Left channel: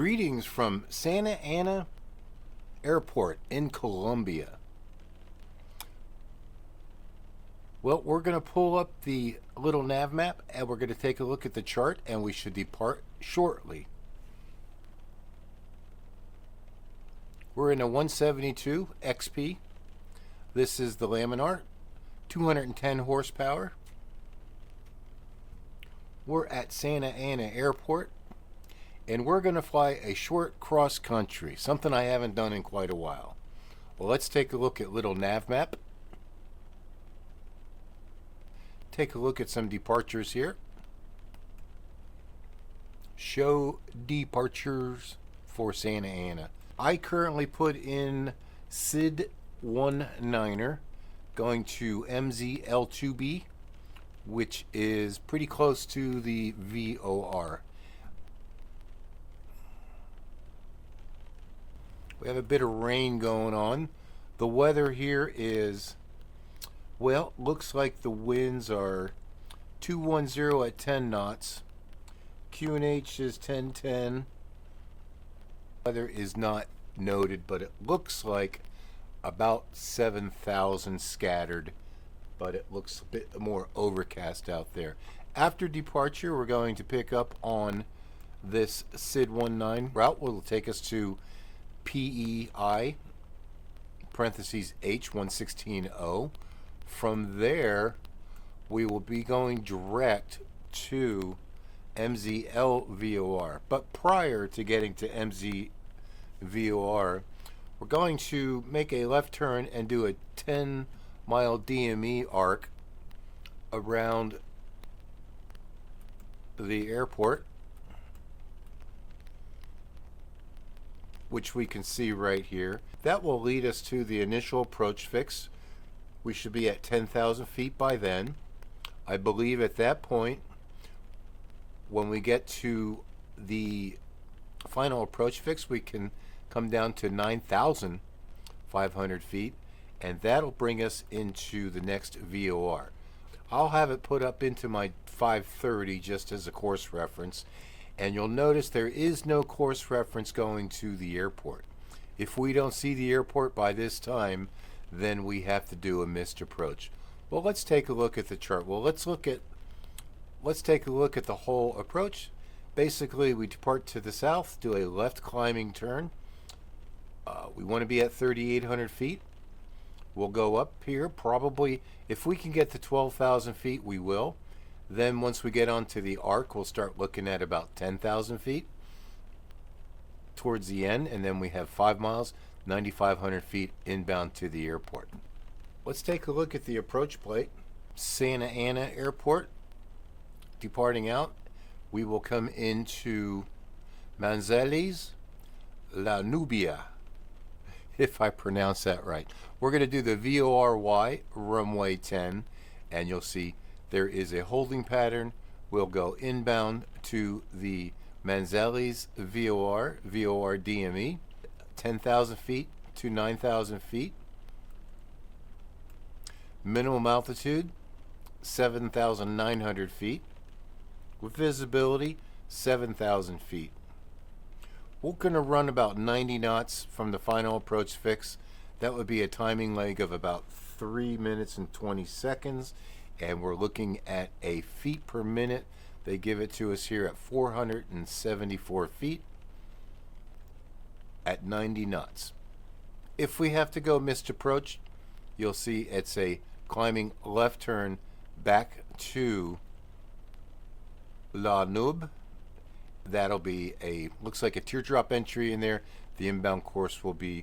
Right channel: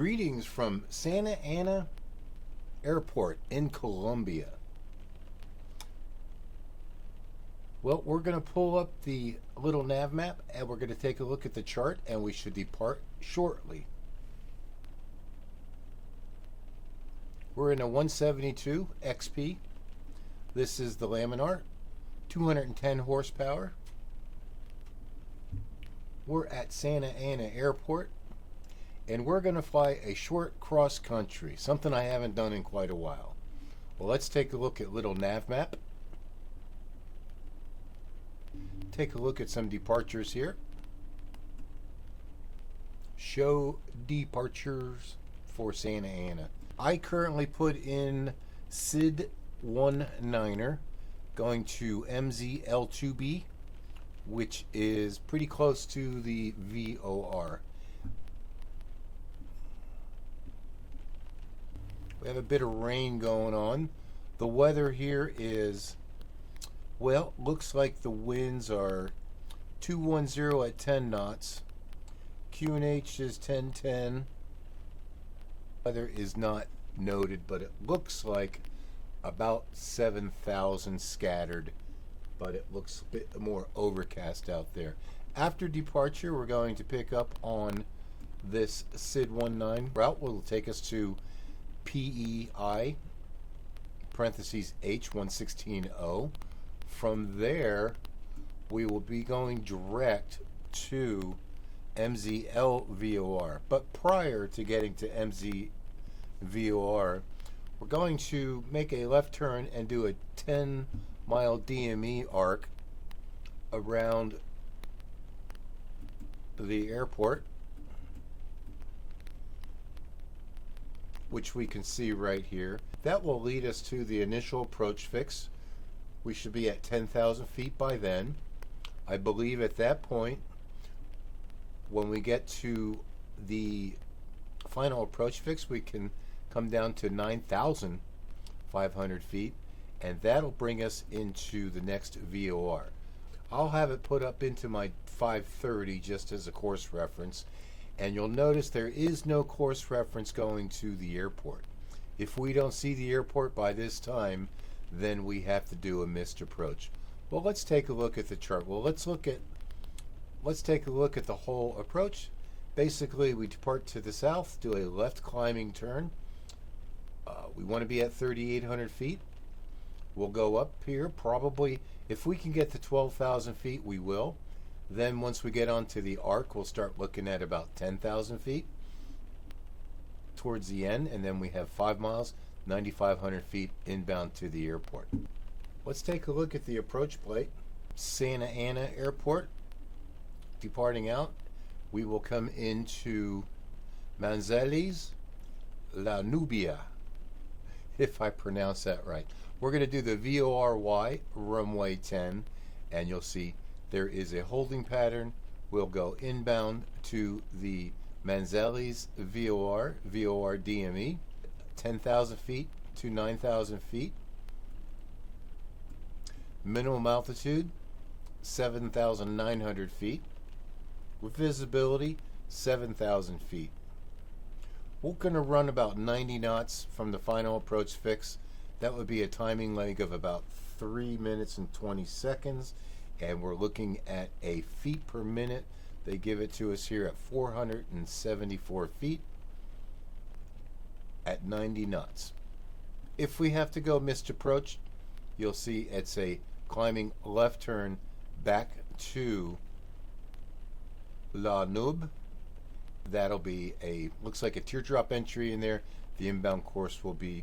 Greetings from Santa Ana Airport in Colombia. Well, we're going to pull up the little nav map and we're going to take a look at the chart, and we should depart shortly. We're in a 172 XP. This is the Laminar, 210 horsepower. We're at Santa Ana Airport, and we're going to fly a short cross country, something I haven't done in quite a while. Well, let's take a look at little nav map. Take a look at some departures here. Show departures for Santa Ana. I currently put in SID 19er going to MZL2B, which is pretty close to the VOR. We have a bit of rain going on. The weather here is, well, looks like the winds are 210 at 10 knots. QNH is 1010. Weather is not noted, but it looks like about 7,000 scattered, but it looks a bit more overcast out there. After departure, we're going to pick up on this SID 19 route. Will take us to PEI parentheses H1160. From there, we will be going direct to MZL VOR. But prior to getting to MZ VOR, we're going to make a left turn and do a 10-mile DME arc around the airport, which we can see right here. That will lead us to the initial approach fix. We should be at 10,000 feet by then. I believe at that point, when we get to the final approach fix, we can come down to 9,500 feet, and that'll bring us into the next VOR. I'll have it put up into my 530 just as a course reference, and you'll notice there is no course reference going to the airport. If we don't see the airport by this time, then we have to do a missed approach. Well, let's take a look at the chart. Well, let's take a look at the whole approach. Basically, we depart to the south, do a left climbing turn. We want to be at 3,800 feet. We'll go up here, probably, if we can get to 12,000 feet, we will. Then once we get onto the arc, we'll start looking at about 10,000 feet towards the end, and then we have 5 miles, 9,500 feet inbound to the airport. Let's take a look at the approach plate. Santa Ana Airport. Departing out, we will come into Manizales, Nubia, if I pronounce that right. We're going to do the VOR-Y, runway 10, and you'll see there is a holding pattern. We'll go inbound to the Manizales VOR DME, 10,000 feet to 9,000 feet. Minimum altitude, 7,900 feet. With visibility, 7,000 feet. We're going to run about 90 knots from the final approach fix. That would be a timing lag of about 3 minutes and 20 seconds. And we're looking at a feet per minute. They give it to us here at 474 feet at 90 knots. If we have to go missed approach, you'll see it's a climbing left turn back to La Nube. That'll be a, looks like a teardrop entry in there. The inbound course will be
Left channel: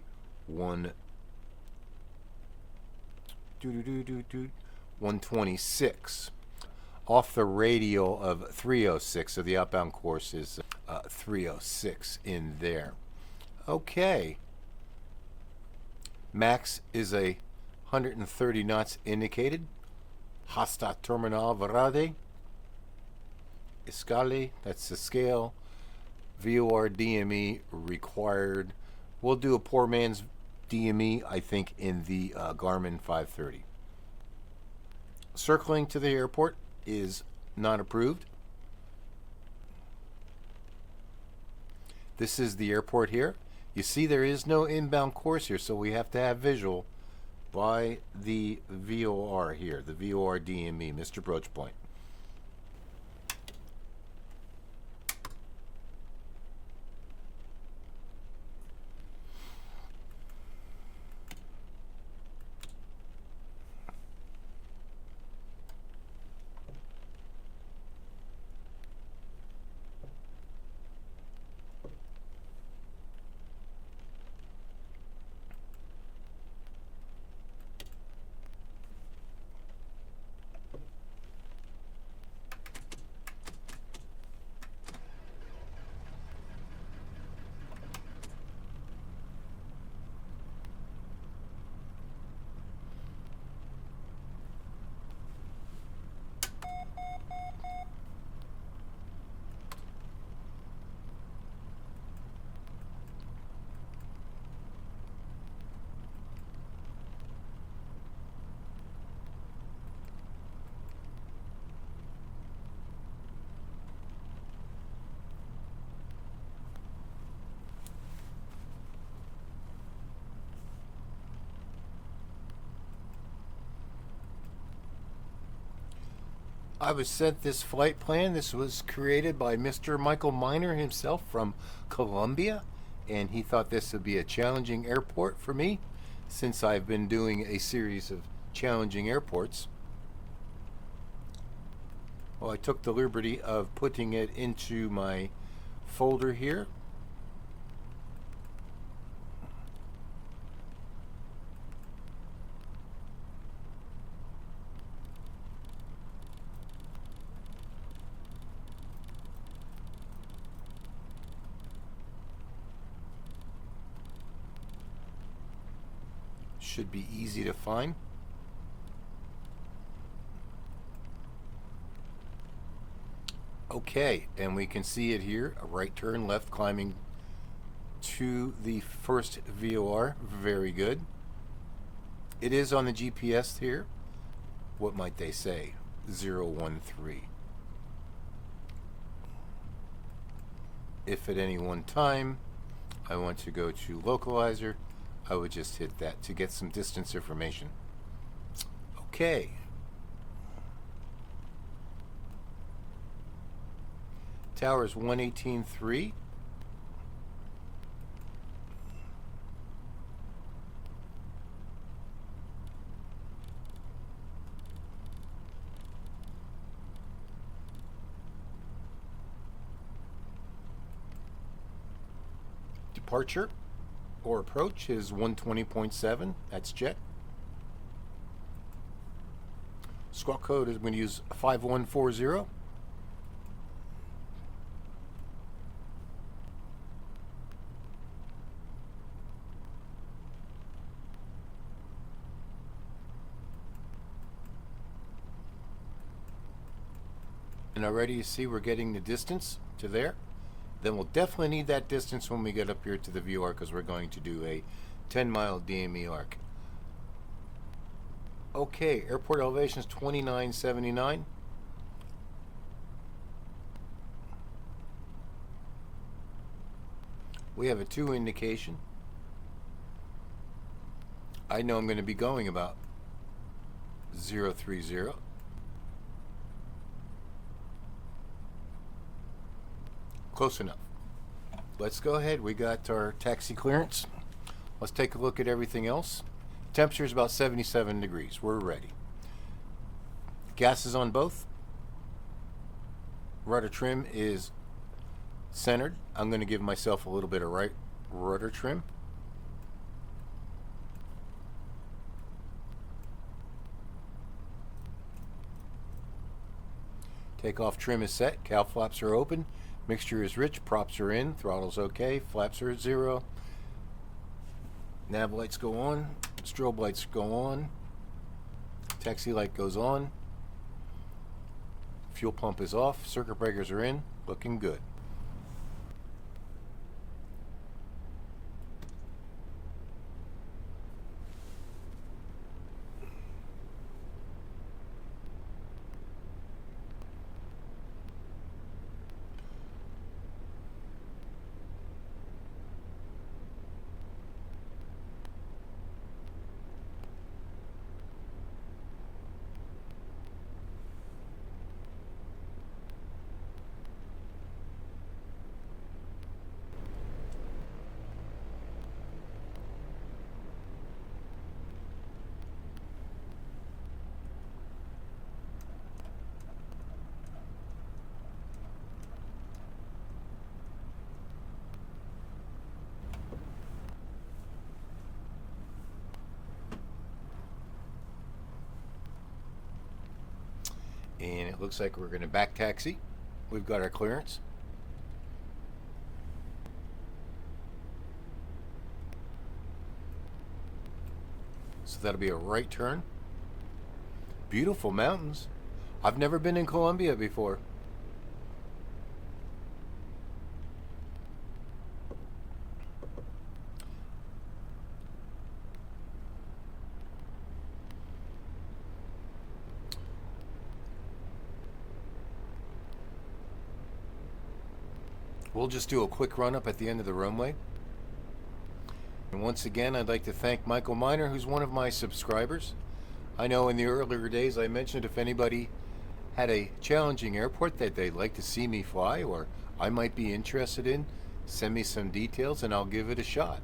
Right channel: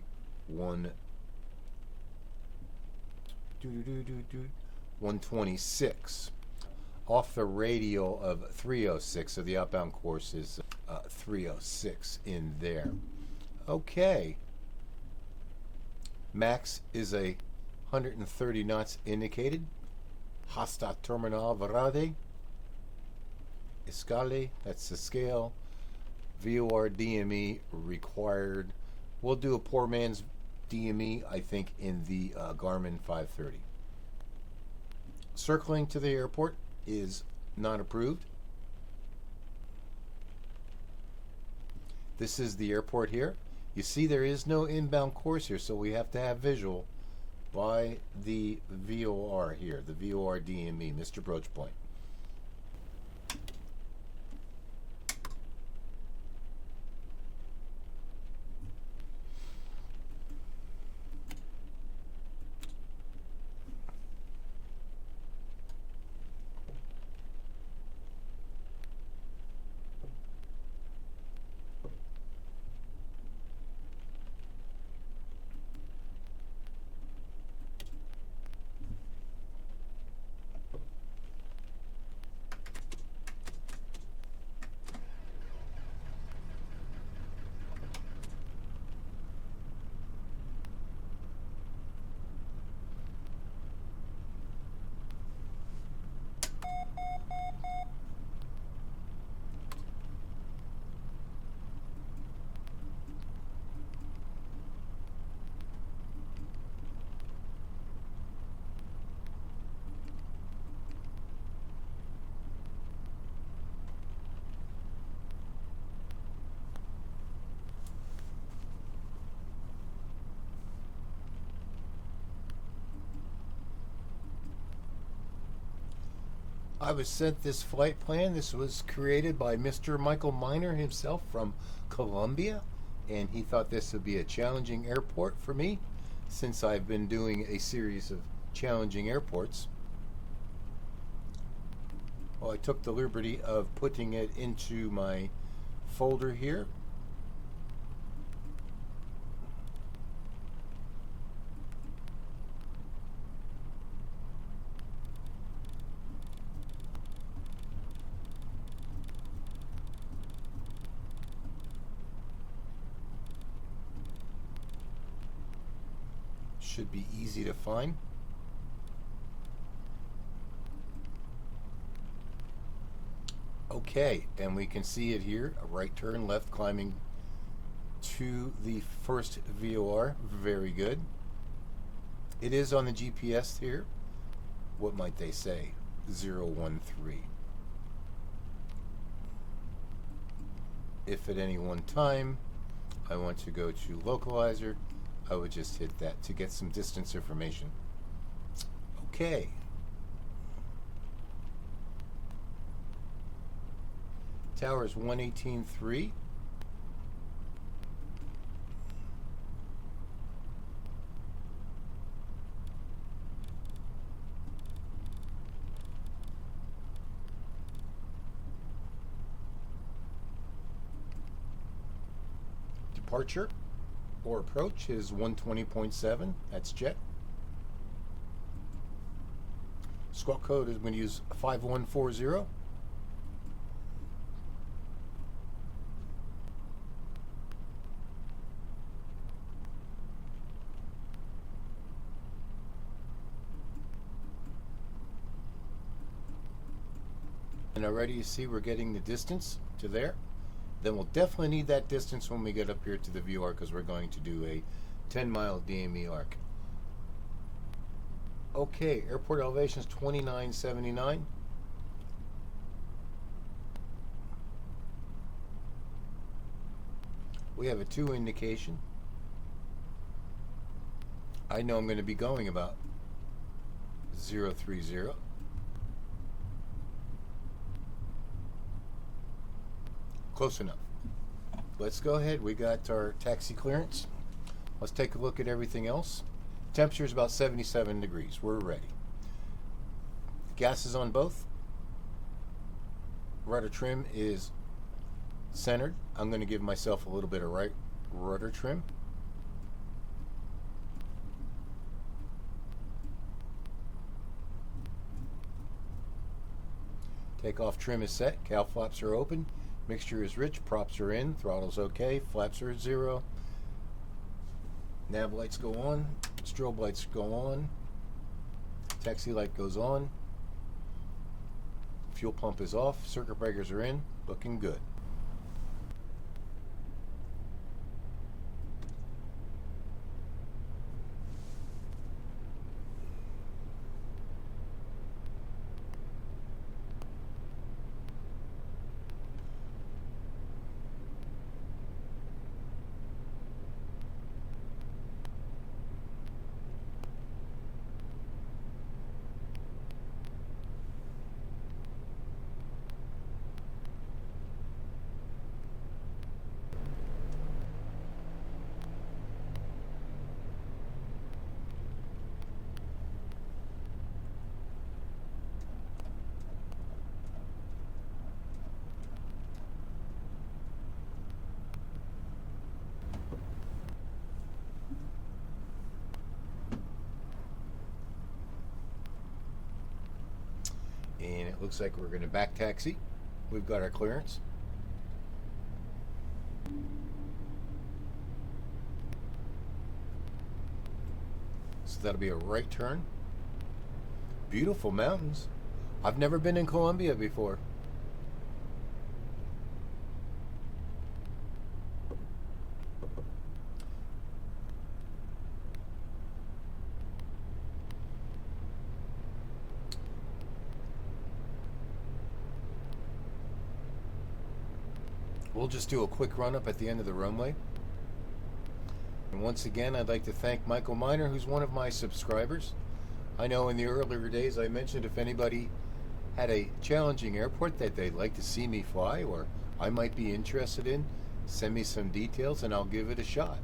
126 off the radial of 306, so the outbound course is 306 in there. Okay, max is a 130 knots indicated. Hasta terminal Varade Escale, that's the scale. VOR DME required. We'll do a poor man's DME, I think, in the Garmin 530. Circling to the airport is not approved. This is the airport here. You see there is no inbound course here, so we have to have visual by the VOR here, the VOR DME, Mr. Broachpoint. I was sent this flight plan. This was created by Mr. Michael Miner himself from Colombia, and he thought this would be a challenging airport for me since I've been doing a series of challenging airports. Well, I took the liberty of putting it into my folder here. Should be easy to find. Okay, and we can see it here, a right turn left climbing to the first VOR. Very good. It is on the GPS here. What might they say? 013. If at any one time I want to go to localizer, I would just hit that to get some distance information. Okay. Tower's 118.3. Departure or approach is 120.7. That's jet. Squawk code is going to use 5140. And already you see we're getting the distance to there. Then we'll definitely need that distance when we get up here to the VR because we're going to do a 10-mile DME arc. Okay, airport elevation is 2979. We have a 2 indication. I know I'm going to be going about 030. Close enough. Let's go ahead. We got our taxi clearance. Let's take a look at everything else. Temperature is about 77 degrees. We're ready. Gas is on both. Rudder trim is centered. I'm going to give myself a little bit of right rudder trim. Takeoff trim is set. Cowl flaps are open. Mixture is rich. Props are in. Throttle's okay. Flaps are at 0. Nav lights go on. Strobe lights go on. Taxi light goes on. Fuel pump is off. Circuit breakers are in. Looking good. It looks like we're going to back taxi. We've got our clearance. So that'll be a right turn. Beautiful mountains. I've never been in Colombia before. We'll just do a quick run up at the end of the runway. And once again, I'd like to thank Michael Miner, who's one of my subscribers. I know in the earlier days I mentioned if anybody had a challenging airport that they'd like to see me fly or I might be interested in, send me some details and I'll give it a shot.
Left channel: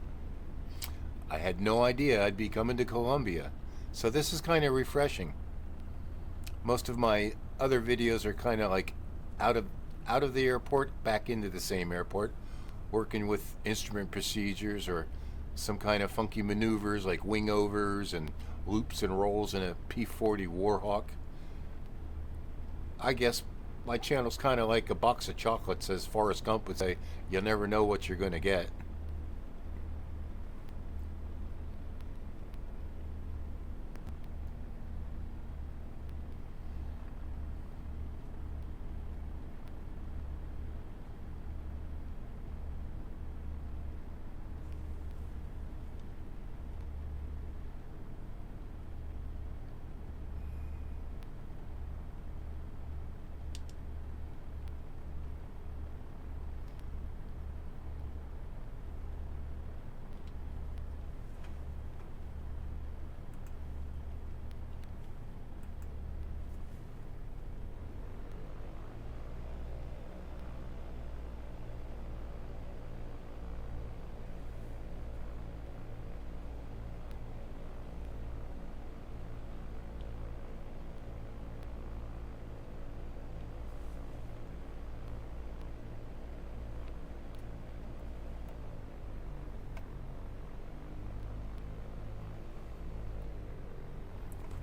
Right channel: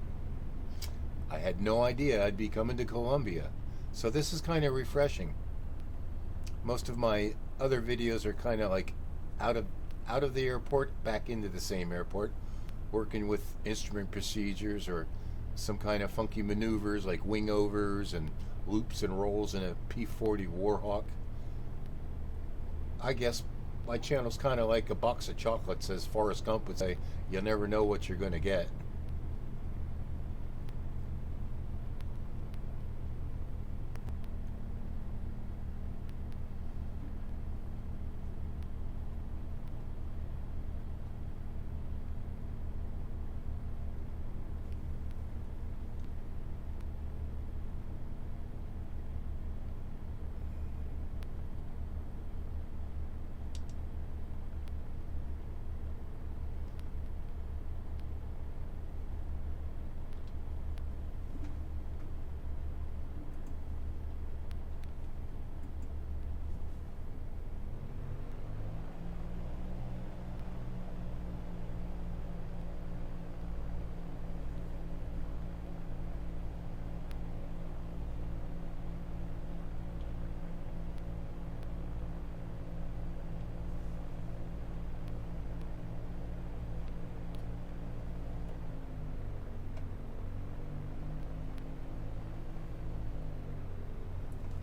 I had no idea I'd be coming to Colombia, so this is kind of refreshing. Most of my other videos are kind of like out of the airport, back into the same airport, working with instrument procedures or some kind of funky maneuvers like wing overs and loops and rolls in a P-40 Warhawk. I guess my channel's kind of like a box of chocolates, as Forrest Gump would say. You'll never know what you're going to get.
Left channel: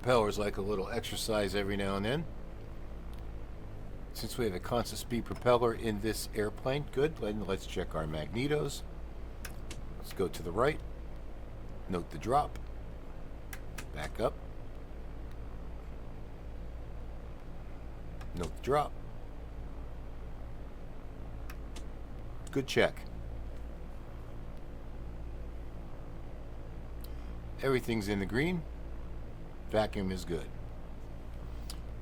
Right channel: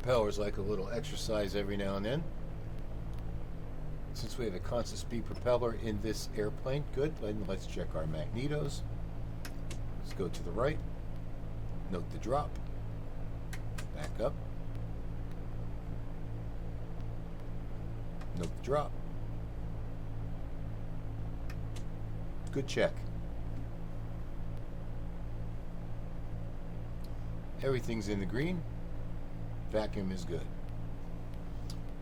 Propellers like a little exercise every now and then. Since we have a constant speed propeller in this airplane, good. Let's check our magnetos. Let's go to the right. Note the drop. Back up. Note the drop. Good check. Everything's in the green. Vacuum is good.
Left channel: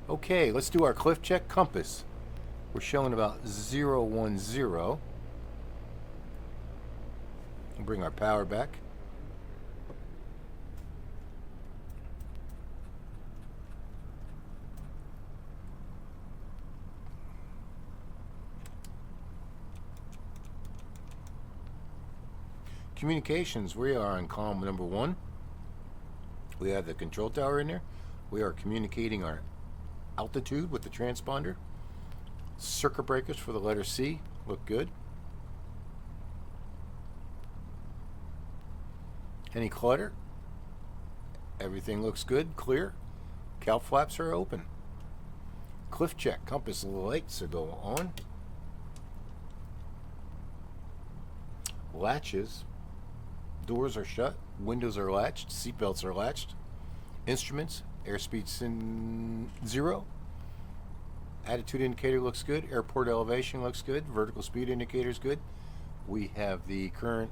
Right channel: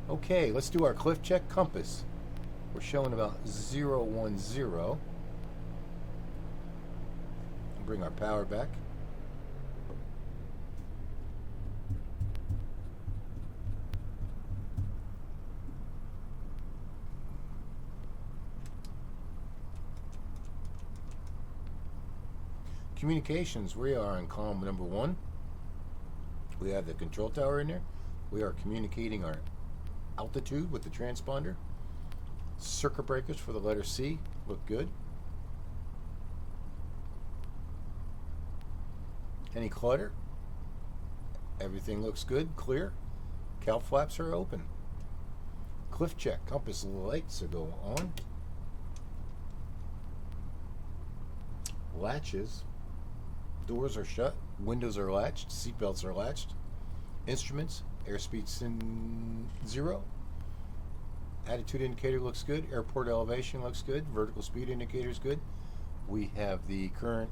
Okay, let's do our cliff check. Compass. We're showing about 010. Bring our power back. Communications, we are on column number 1. We have the control tower in there. We are communicating our altitude with the transponder. Circuit breakers for the letter C look good. Any clutter? Everything looks good, clear. Cowl flaps are open. Cliff check, compass lights are going on. Latches, doors are shut. Windows are latched, seatbelts are latched. Instruments, airspeed's in 0. Attitude indicator looks good. Airport elevation looks good. Vertical speed indicator is good. We have the current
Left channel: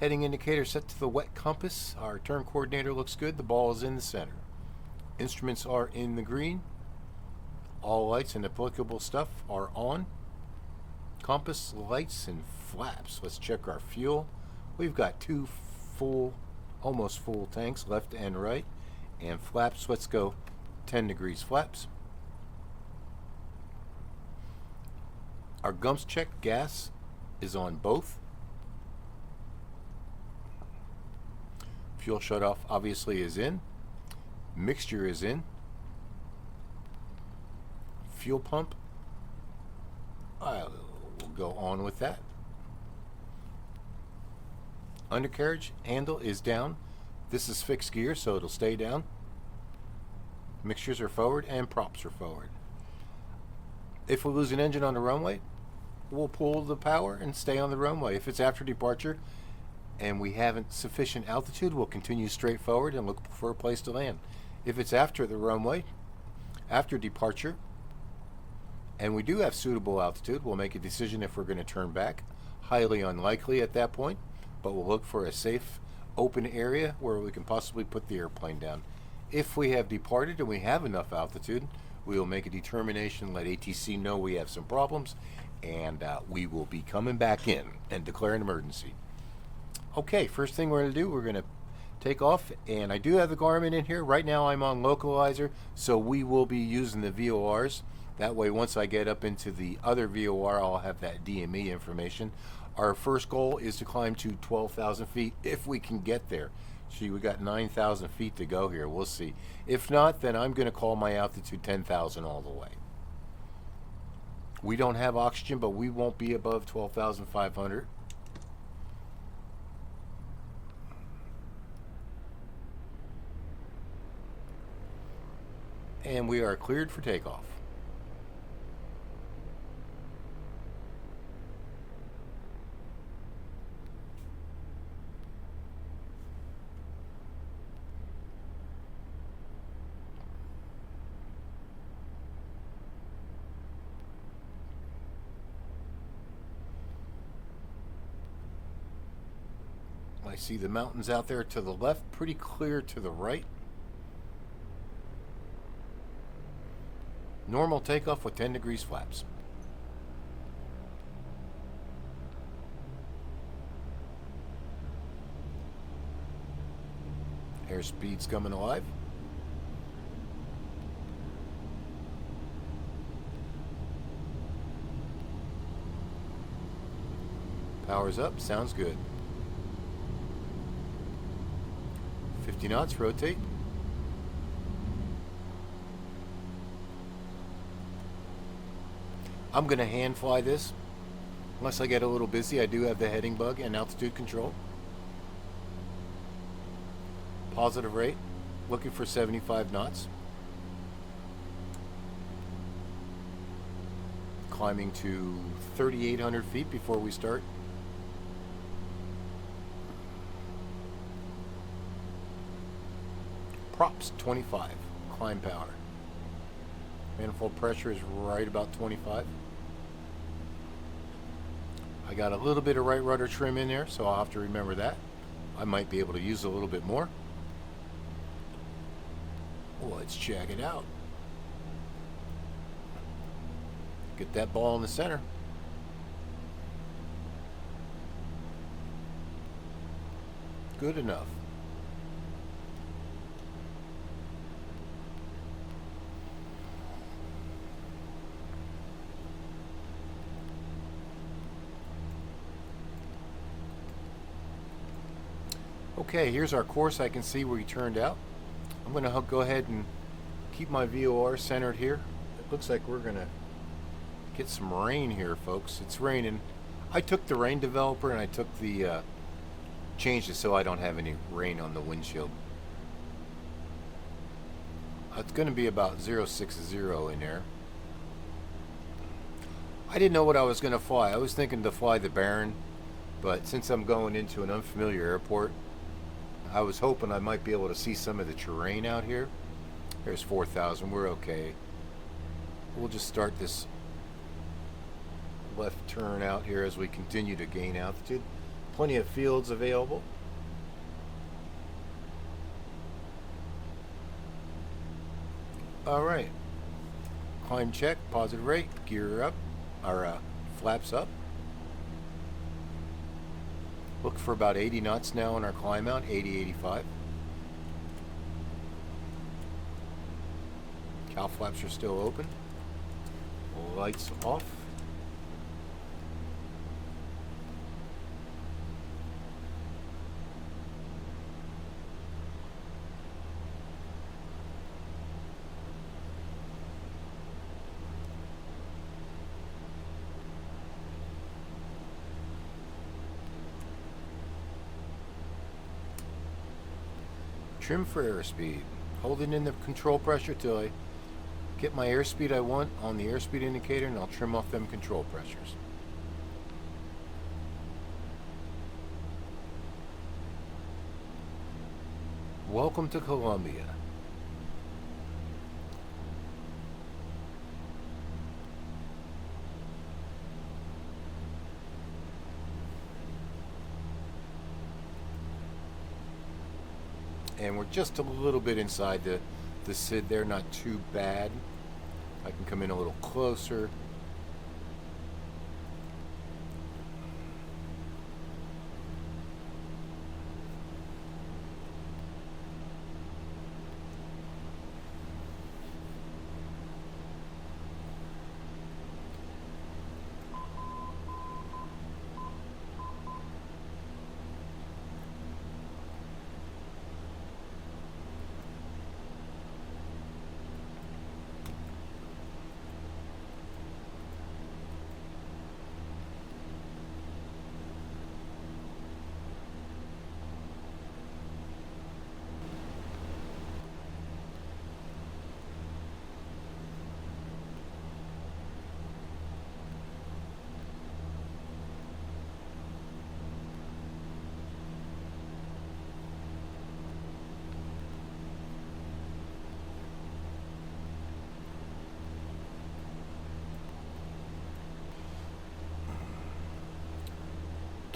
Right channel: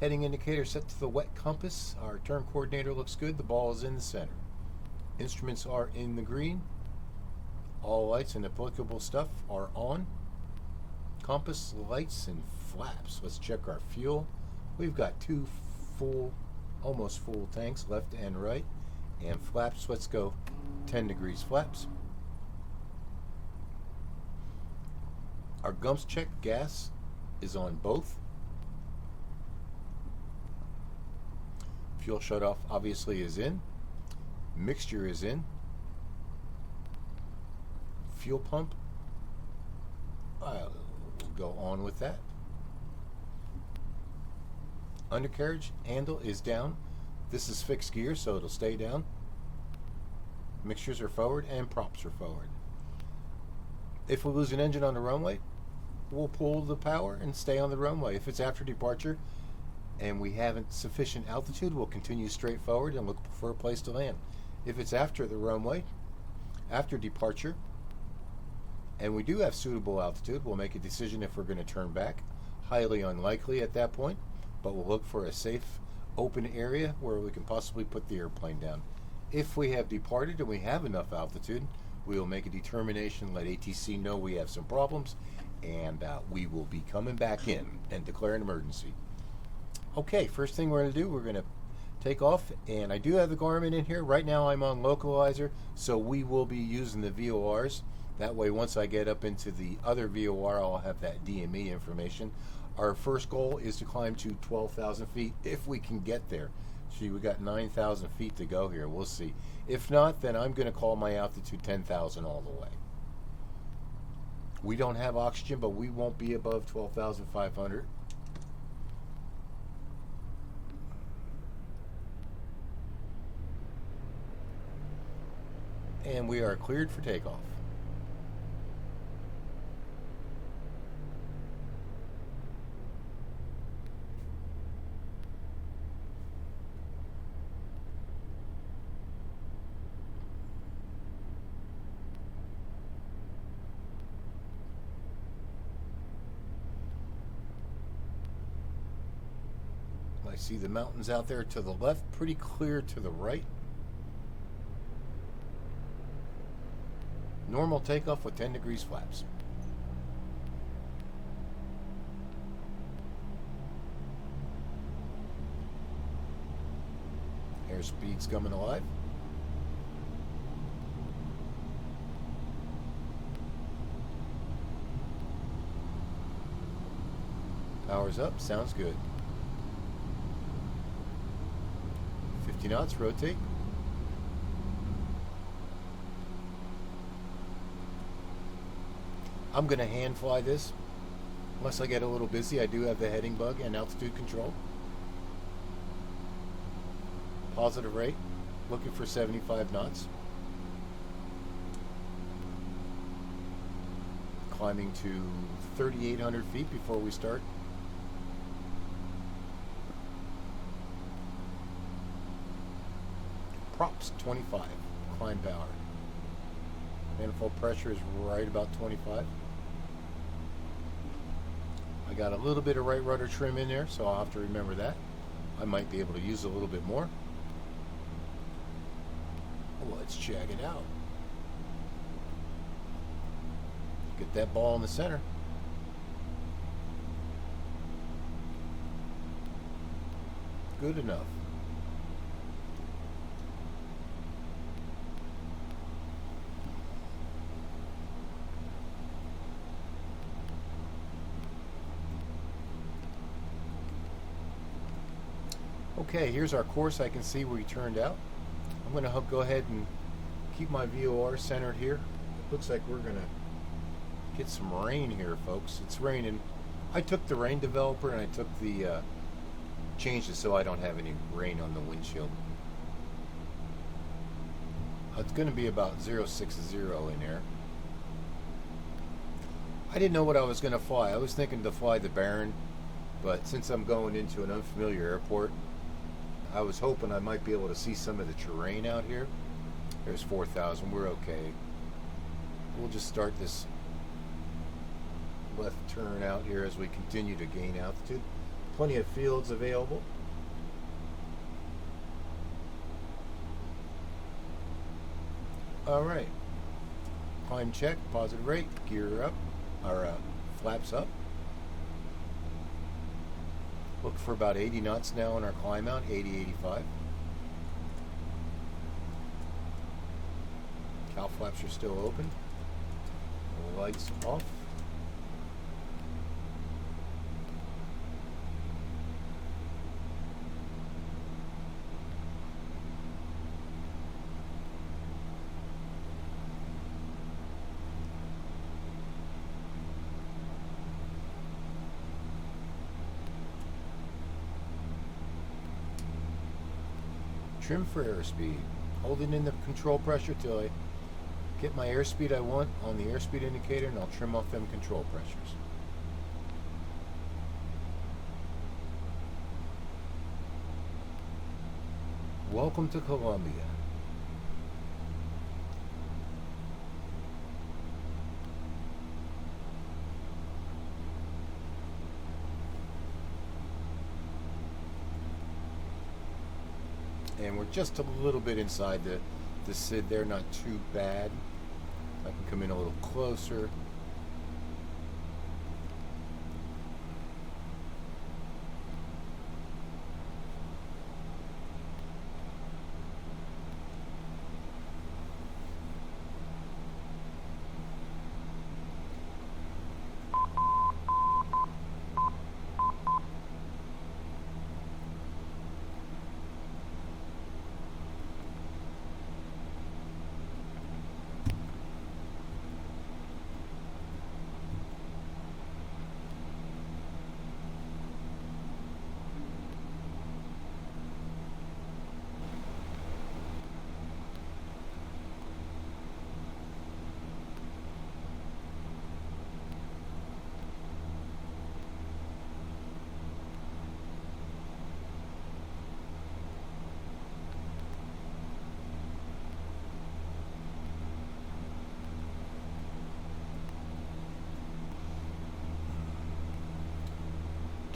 heading indicator set to the wet compass. Our turn coordinator looks good. The ball is in the center. Instruments are in the green. All lights and applicable stuff are on. Compass, lights, and flaps. Let's check our fuel. We've got 2 full, almost full tanks, left and right, and flaps. Let's go 10 degrees flaps. Our gumps check, gas is on both. Fuel shut off obviously is in. Mixture is in. Fuel pump, I'll go on with that. Undercarriage handle is down. This is fixed gear, so it'll stay down. Mixtures are forward and props are forward. If we lose an engine on the runway, we'll pull the power and stay on the runway. If it's after departure and we haven't sufficient altitude, we'll continue straight forward and look for a place to land. If it's after the runway, after departure, and we do have suitable altitude, we'll make a decision if we're going to turn back. Highly unlikely at that point, but we'll look for a safe, open area where we can possibly put the airplane down. If we have departed and we have enough altitude, we will make a determination, let ATC know we have some problems, and we will be coming back in and declare an emergency. Okay, first thing we're going to do, we're going to take off, and I do have the Garmin in here. Right now I'm on localizer, so we will be using the VORs. That way, once I get up into the other VOR, I'll have that DME information. Our first goal is to climb to 12,000 feet if we can get there. See, we got 9,000 feet to go here. We'll see. If not, then I'm going to call my altitude 10,000 all the way. We don't have oxygen, but we won't be above 12,500. And we are cleared for takeoff. I see the mountains out there to the left, pretty clear to the right. Normal takeoff with 10 degrees flaps. Airspeed's coming alive. Power's up, sounds good. 50 knots, rotate. I'm going to hand fly this. Unless I get a little busy, I do have the heading bug and altitude control. Positive rate, looking for 75 knots. Climbing to 3,800 feet before we start. Props 25, climb power. Manifold pressure is right about 25. I got a little bit of right rudder trim in there, so I'll have to remember that. I might be able to use a little bit more. Let's check it out. Get that ball in the center. Good enough. Okay, here's our course. I can see where he turned out. I'm going to go ahead and keep my VOR centered here. It looks like we're going to get some rain here, folks. It's raining. I took the rain developer and I took the changed it so I don't have any rain on the windshield. It's going to be about 060 in there. I didn't know what I was going to fly. I was thinking to fly the Baron, but since I'm going into an unfamiliar airport, I was hoping I might be able to see some of the terrain out here. There's 4,000, we're okay. We'll just start this left turn out here as we continue to gain altitude. Plenty of fields available. Alright, climb check, positive rate, gear up, or flaps up. Look for about 80 knots now on our climb out, 80, 85. Cow flaps are still open. Lights off. Trim for airspeed. Holding in the control pressure till I get my airspeed I want on the airspeed indicator, and I'll trim off them control pressures. Welcome to Colombia. And we're just a little bit inside the SID there, not too bad. I can come in a little closer.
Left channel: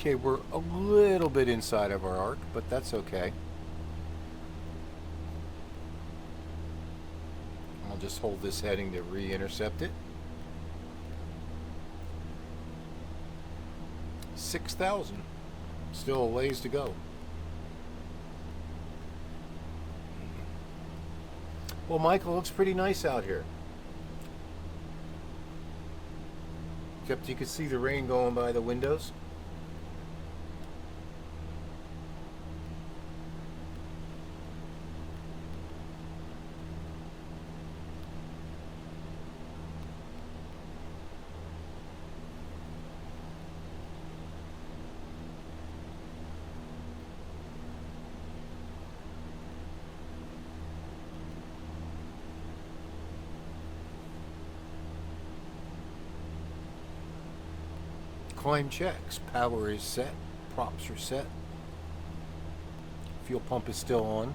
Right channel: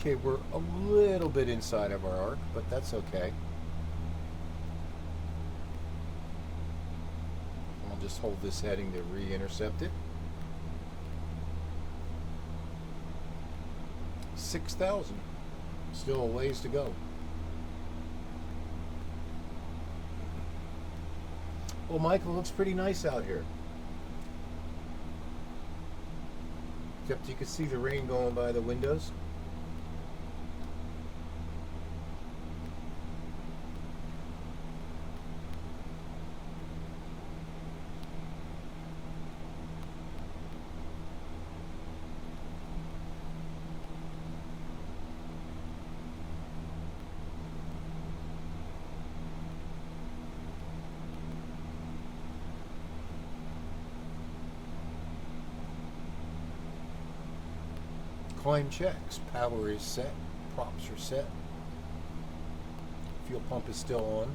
Okay, we're a little bit inside of our arc, but that's okay. I'll just hold this heading to re-intercept it. 6,000. Still a ways to go. Well, Michael, looks pretty nice out here. Except you can see the rain going by the windows. Climb checks. Power is set. Props are set. Fuel pump is still on.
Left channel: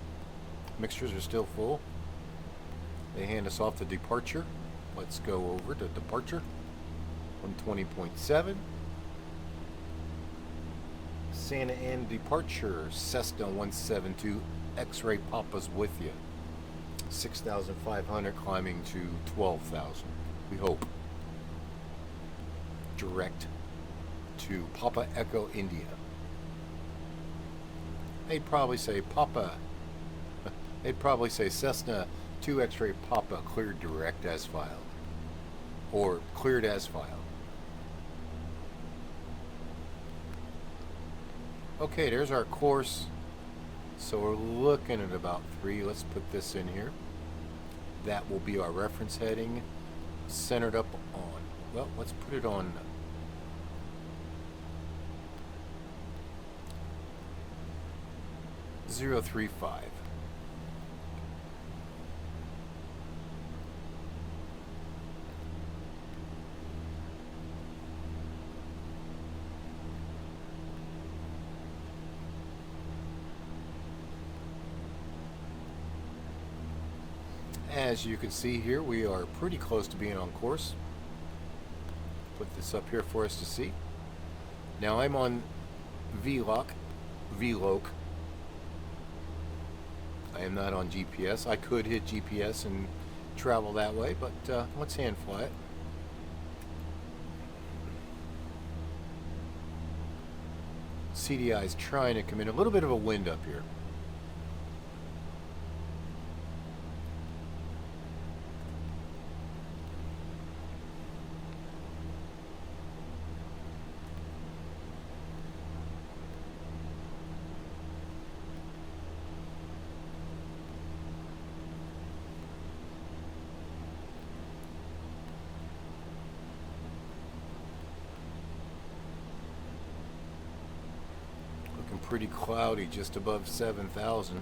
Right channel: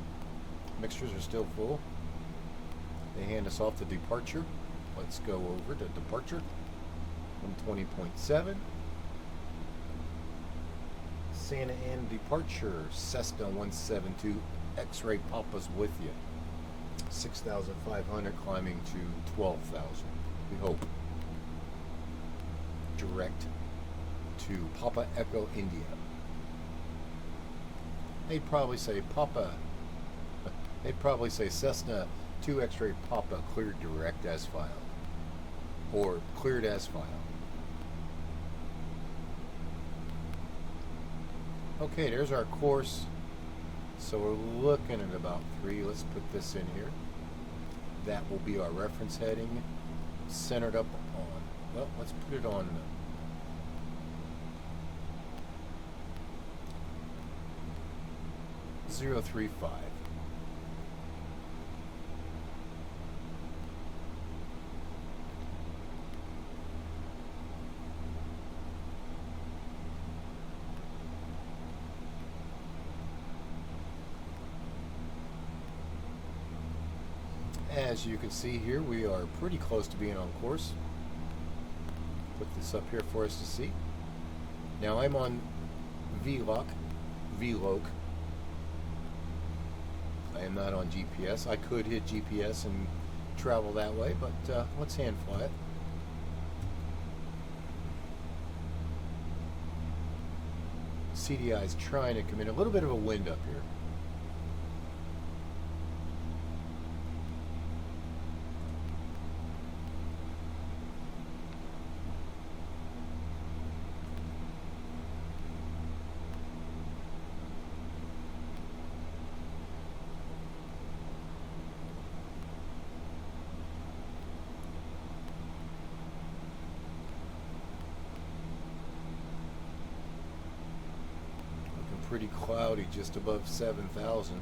Mixtures are still full. They hand us off the departure. Let's go over to departure. 120.7. Santa Ana departure. Cessna 172. X-ray Papa's with you. 6,500 climbing to 12,000. We hope. Direct to Papa Echo India. They'd probably say Papa. They'd probably say Cessna 2 X-ray Papa cleared direct as file. Or cleared as file. Okay, there's our course. So we're looking at about 3. Let's put this in here. That will be our reference heading. Centered up on. Well, let's put it on. 035. As you can see here, we are pretty close to being on course. Put this up here for us to see. Now I'm on VLOC. I am not on GPS. I could hit GPS and travel that way, but let's hand fly it. CDI is trying to come in. A little bit of a wind up here. Pretty cloudy, just above 7,000.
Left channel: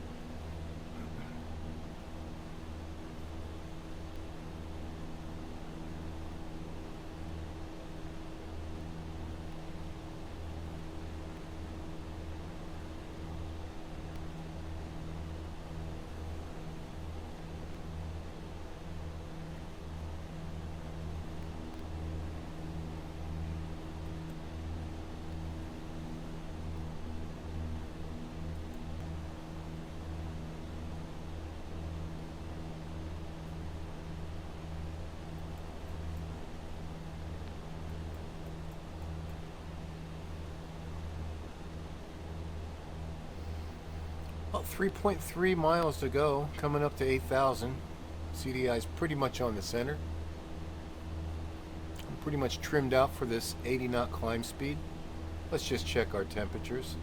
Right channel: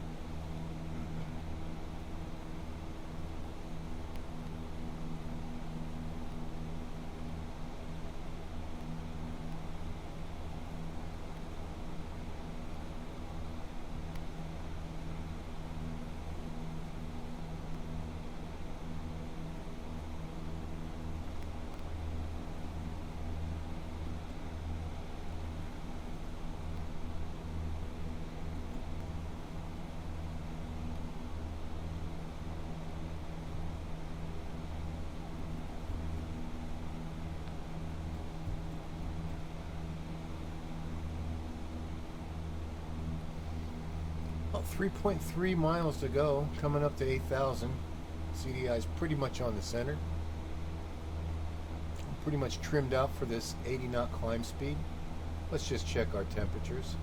3.3 miles to go, coming up to 8,000. CDI is pretty much on the center. Pretty much trimmed out for this 80 knot climb speed. Let's just check our temperatures.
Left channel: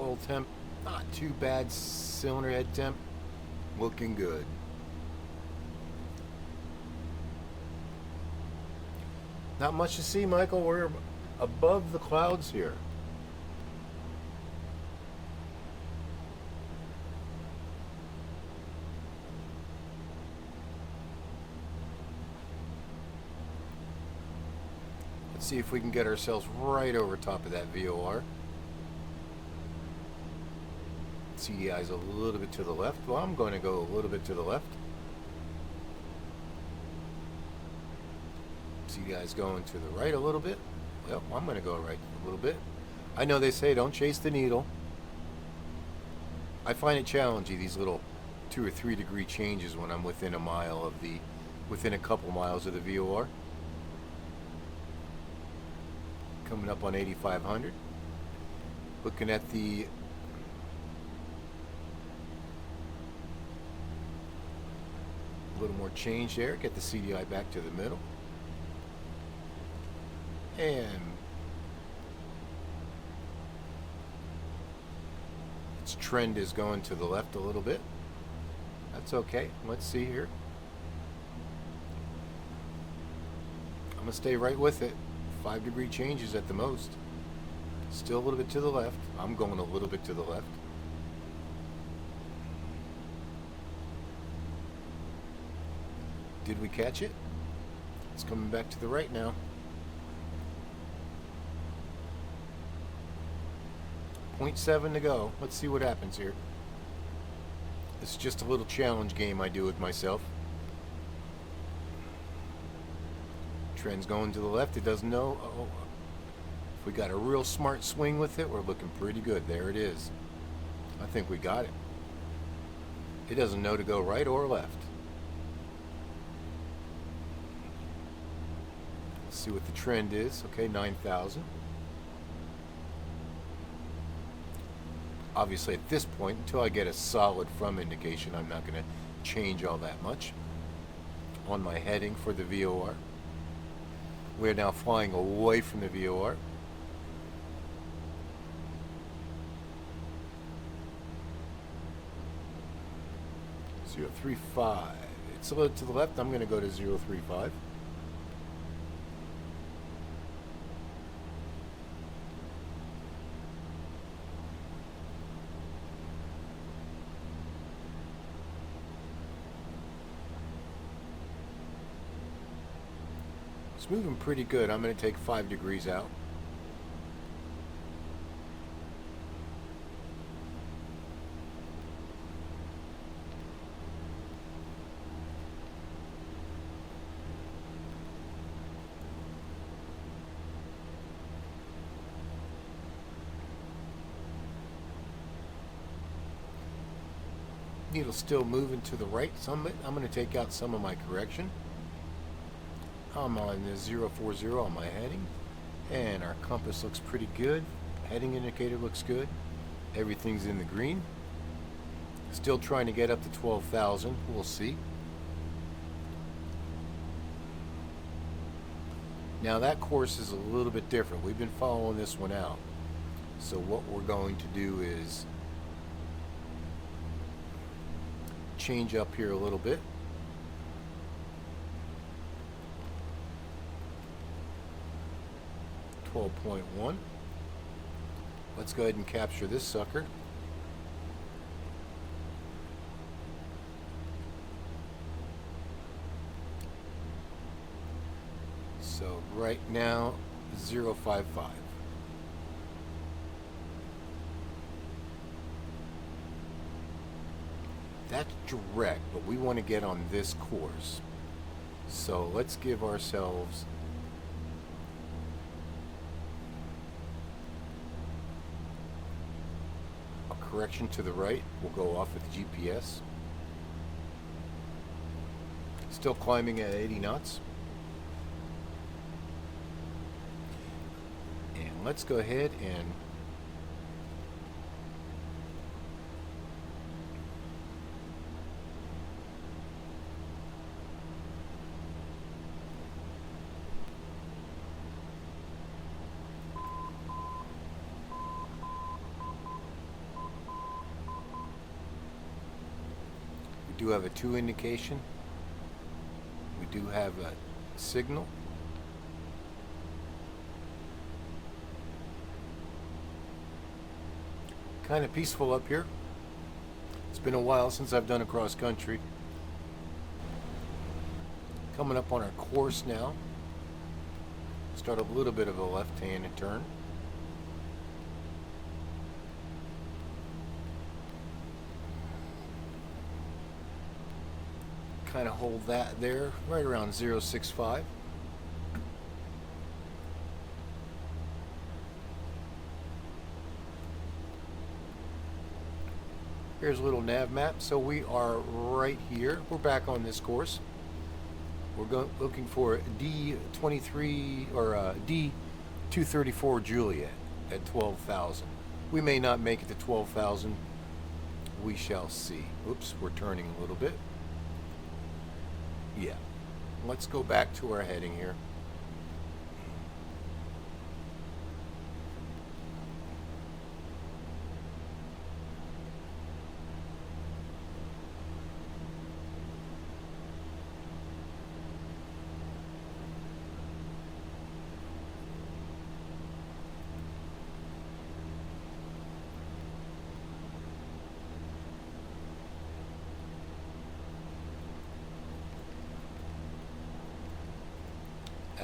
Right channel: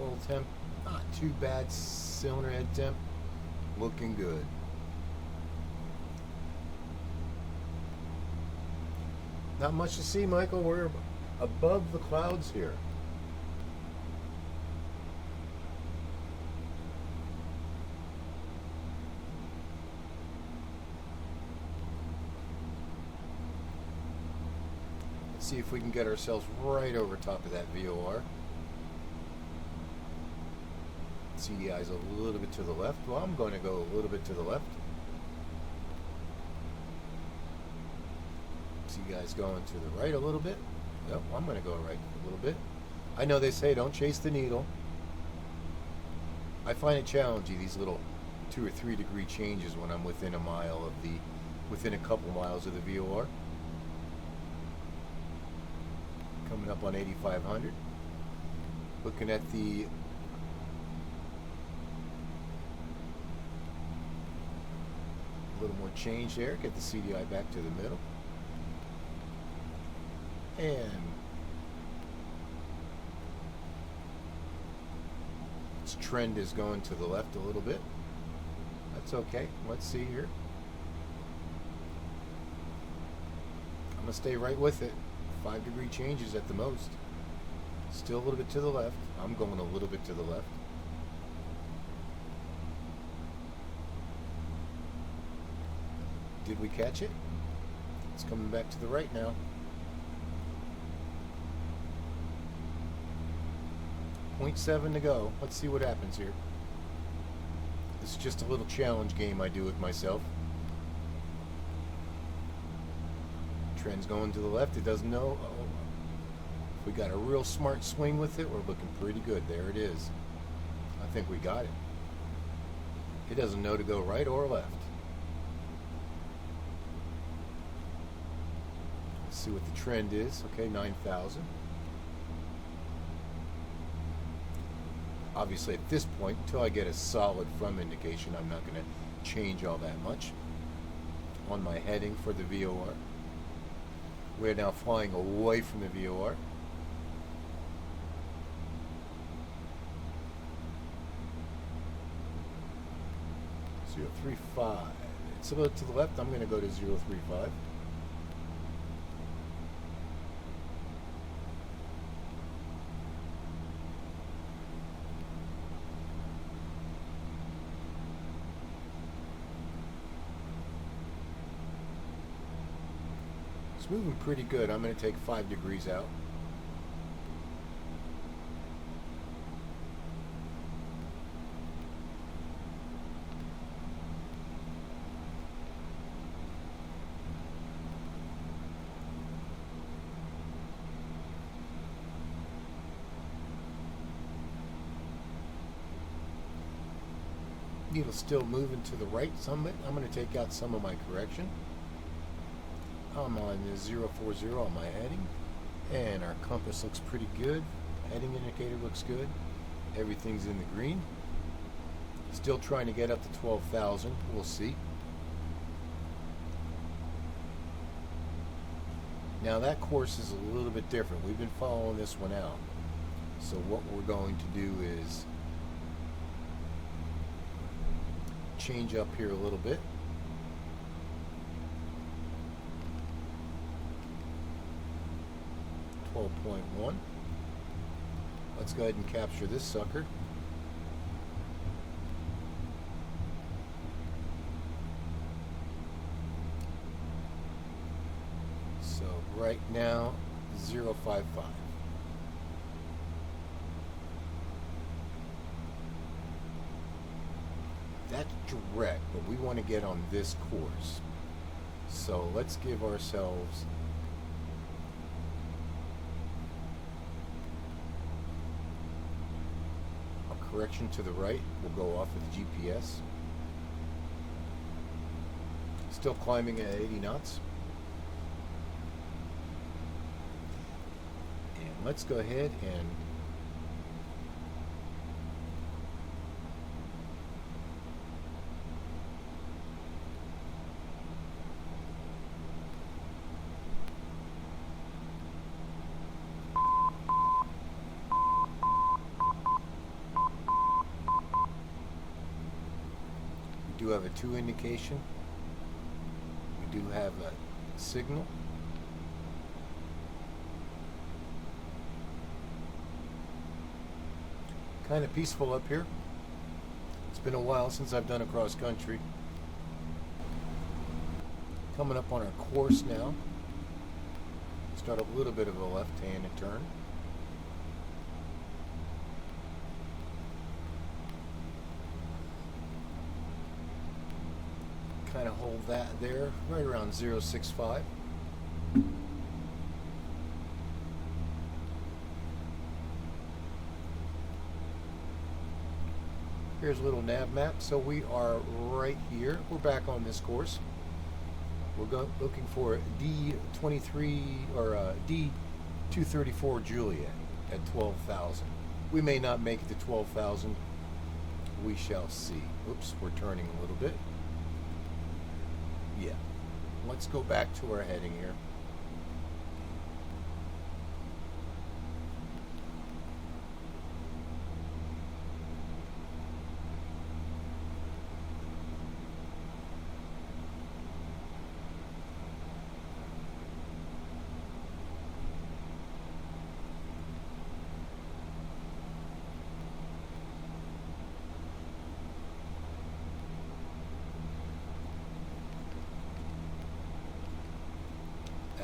Oil temp, not too bad. Cylinder head temp, looking good. Not much to see, Michael. We're above the clouds here. Let's see if we can get ourselves right over top of that VOR. CDI's a little bit to the left. Well, I'm going to go a little bit to the left. CDI's going to the right a little bit. Yep, I'm going to go right a little bit. I know they say don't chase the needle. I find it challenging, these little 2 or 3 degree changes when I'm within a mile of the, within a couple miles of the VOR. Coming up on 8,500. Looking at the little more change there. Get the CDI back to the middle. And its trend is going to the left a little bit. That's okay. Let's see here. I'm going to stay right with it. 5 degree changes at the most. Still a little bit to the left. I'm going a little bit to the left. Did we catch it? It's coming back to the right now. .7 to go. Let's see what happens here. It's just a little challenge game I do with myself. Trend's going to the left. It doesn't know. Oh, if we got a real smart swing with it, we're looking pretty good. There it is. I think we got it. It doesn't know to go right or left. Let's see what the trend is. Okay, 9,000. Obviously at this point, until I get a solid from indication, I'm not going to change all that much. On my heading for the VOR. We're now flying away from the VOR. 035. It's a little to the left. I'm going to go to 035. It's moving pretty good. I'm going to take 5 degrees out. Needle's still moving to the right some. I'm going to take out some of my correction. I'm on the 040 on my heading, and our compass looks pretty good. Heading indicator looks good. Everything's in the green. Still trying to get up to 12,000. We'll see. Now that course is a little bit different. We've been following this one out. So what we're going to do is change up here a little bit. Let's go ahead and capture this sucker. So right now, 055. That's direct, but we want to get on this course. So let's give ourselves correction to the right. We'll go off with GPS. Still climbing at 80 knots. And let's go ahead and do have a 2 indication. We do have a signal. Kind of peaceful up here. It's been a while since I've done a cross country. Coming up on our course now. Start a little bit of a left-handed turn. Kind of hold that there, right around 0.65. Here's a little nav map. So we are right here. We're back on this course. We're looking for D23 or D234 Juliet at 12,000. We may not make it to 12,000. We shall see. Whoops, we're turning a little bit. Yeah. Let's go back to our heading here.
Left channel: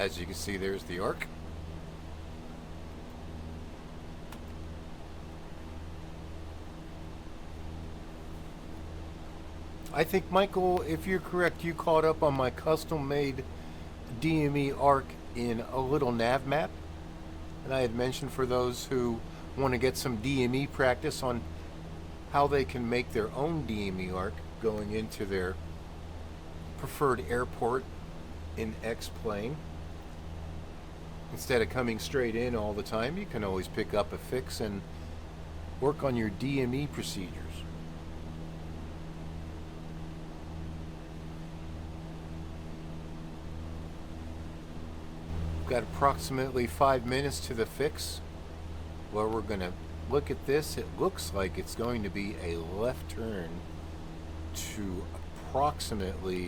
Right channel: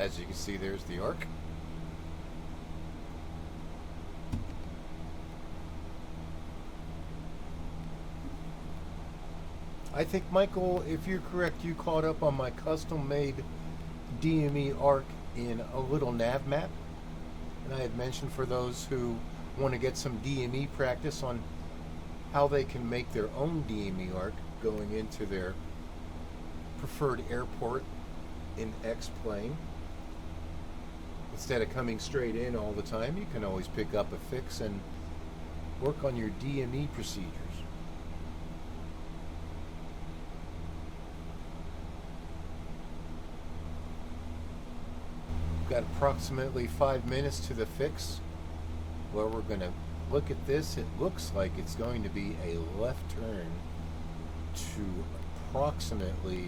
As you can see, there's the ARC. I think, Michael, if you're correct, you caught up on my custom-made DME ARC in a little nav map. And I had mentioned for those who want to get some DME practice on how they can make their own DME ARC going into their preferred airport in X-plane. Instead of coming straight in all the time, you can always pick up a fix and work on your DME procedures. Got approximately 5 minutes to the fix, where we're going to look at this. It looks like it's going to be a left turn to approximately,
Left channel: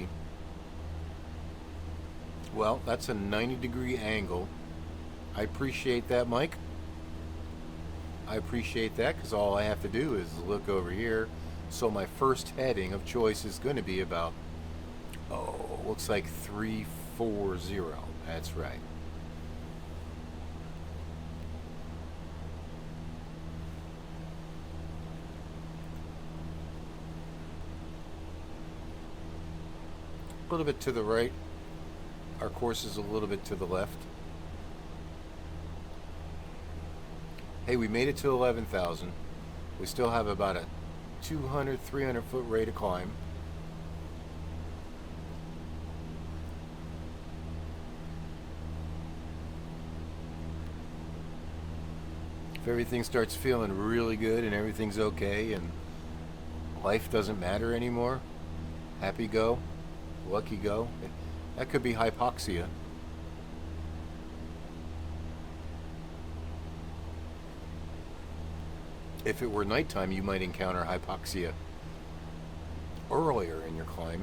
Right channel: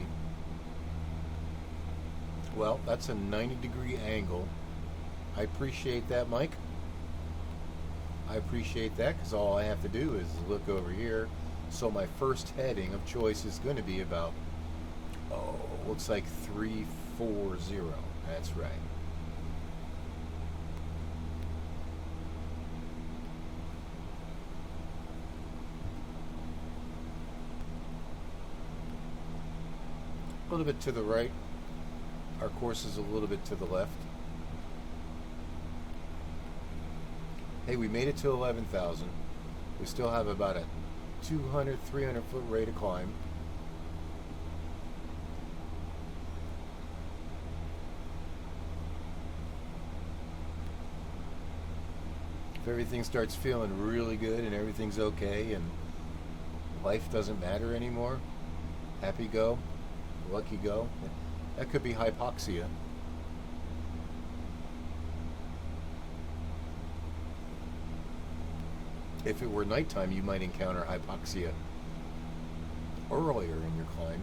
well, that's a 90-degree angle. I appreciate that, Mike. I appreciate that, because all I have to do is look over here. So my first heading of choice is going to be about, looks like 340. That's right. A little bit to the right. Our course is a little bit to the left. Hey, we made it to 11,000. We still have about a 200, 300 foot rate of climb. If everything starts feeling really good and everything's okay and life doesn't matter anymore, happy go, lucky go. That could be hypoxia. If it were nighttime, you might encounter hypoxia earlier in your climb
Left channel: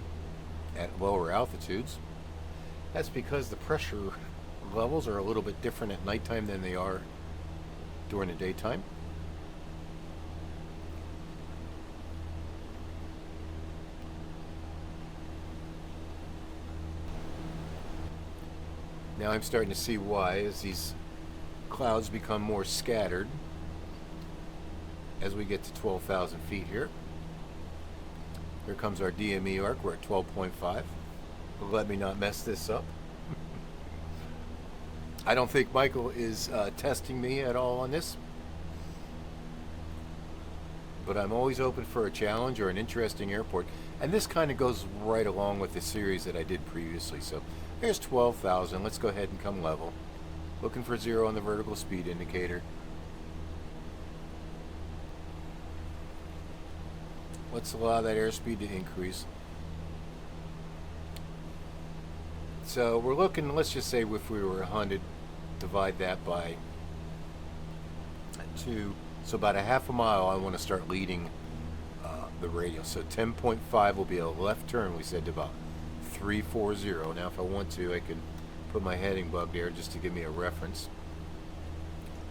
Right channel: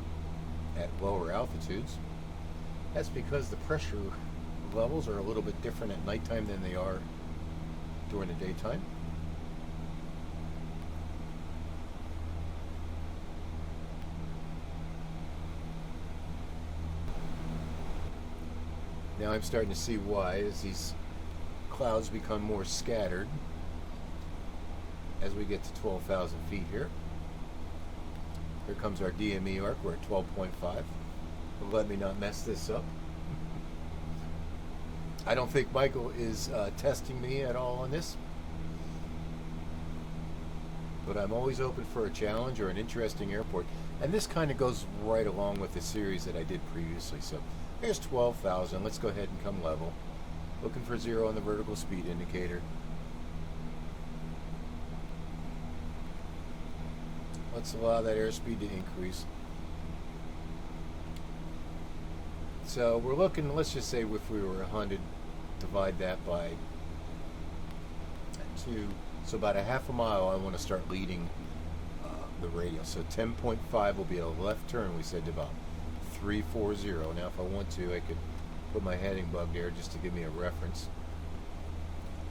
at lower altitudes. That's because the pressure levels are a little bit different at nighttime than they are during the daytime. Now I'm starting to see why, as these clouds become more scattered as we get to 12,000 feet here. Here comes our DME ARC. We're at 12.5. Let me not mess this up. I don't think Michael is testing me at all on this, but I'm always open for a challenge or an interesting airport, and this kind of goes right along with the series that I did previously. So here's 12,000. Let's go ahead and come level. Looking for 0 on the vertical speed indicator. Let's allow that airspeed to increase. So we're looking, let's just say if we were 100, divide that by 2. So about a half a mile, I want to start leading the the radial. So 10.5 will be a left turn, we said, to about 340. Now if I want to, I could put my heading above here just to give me a reference.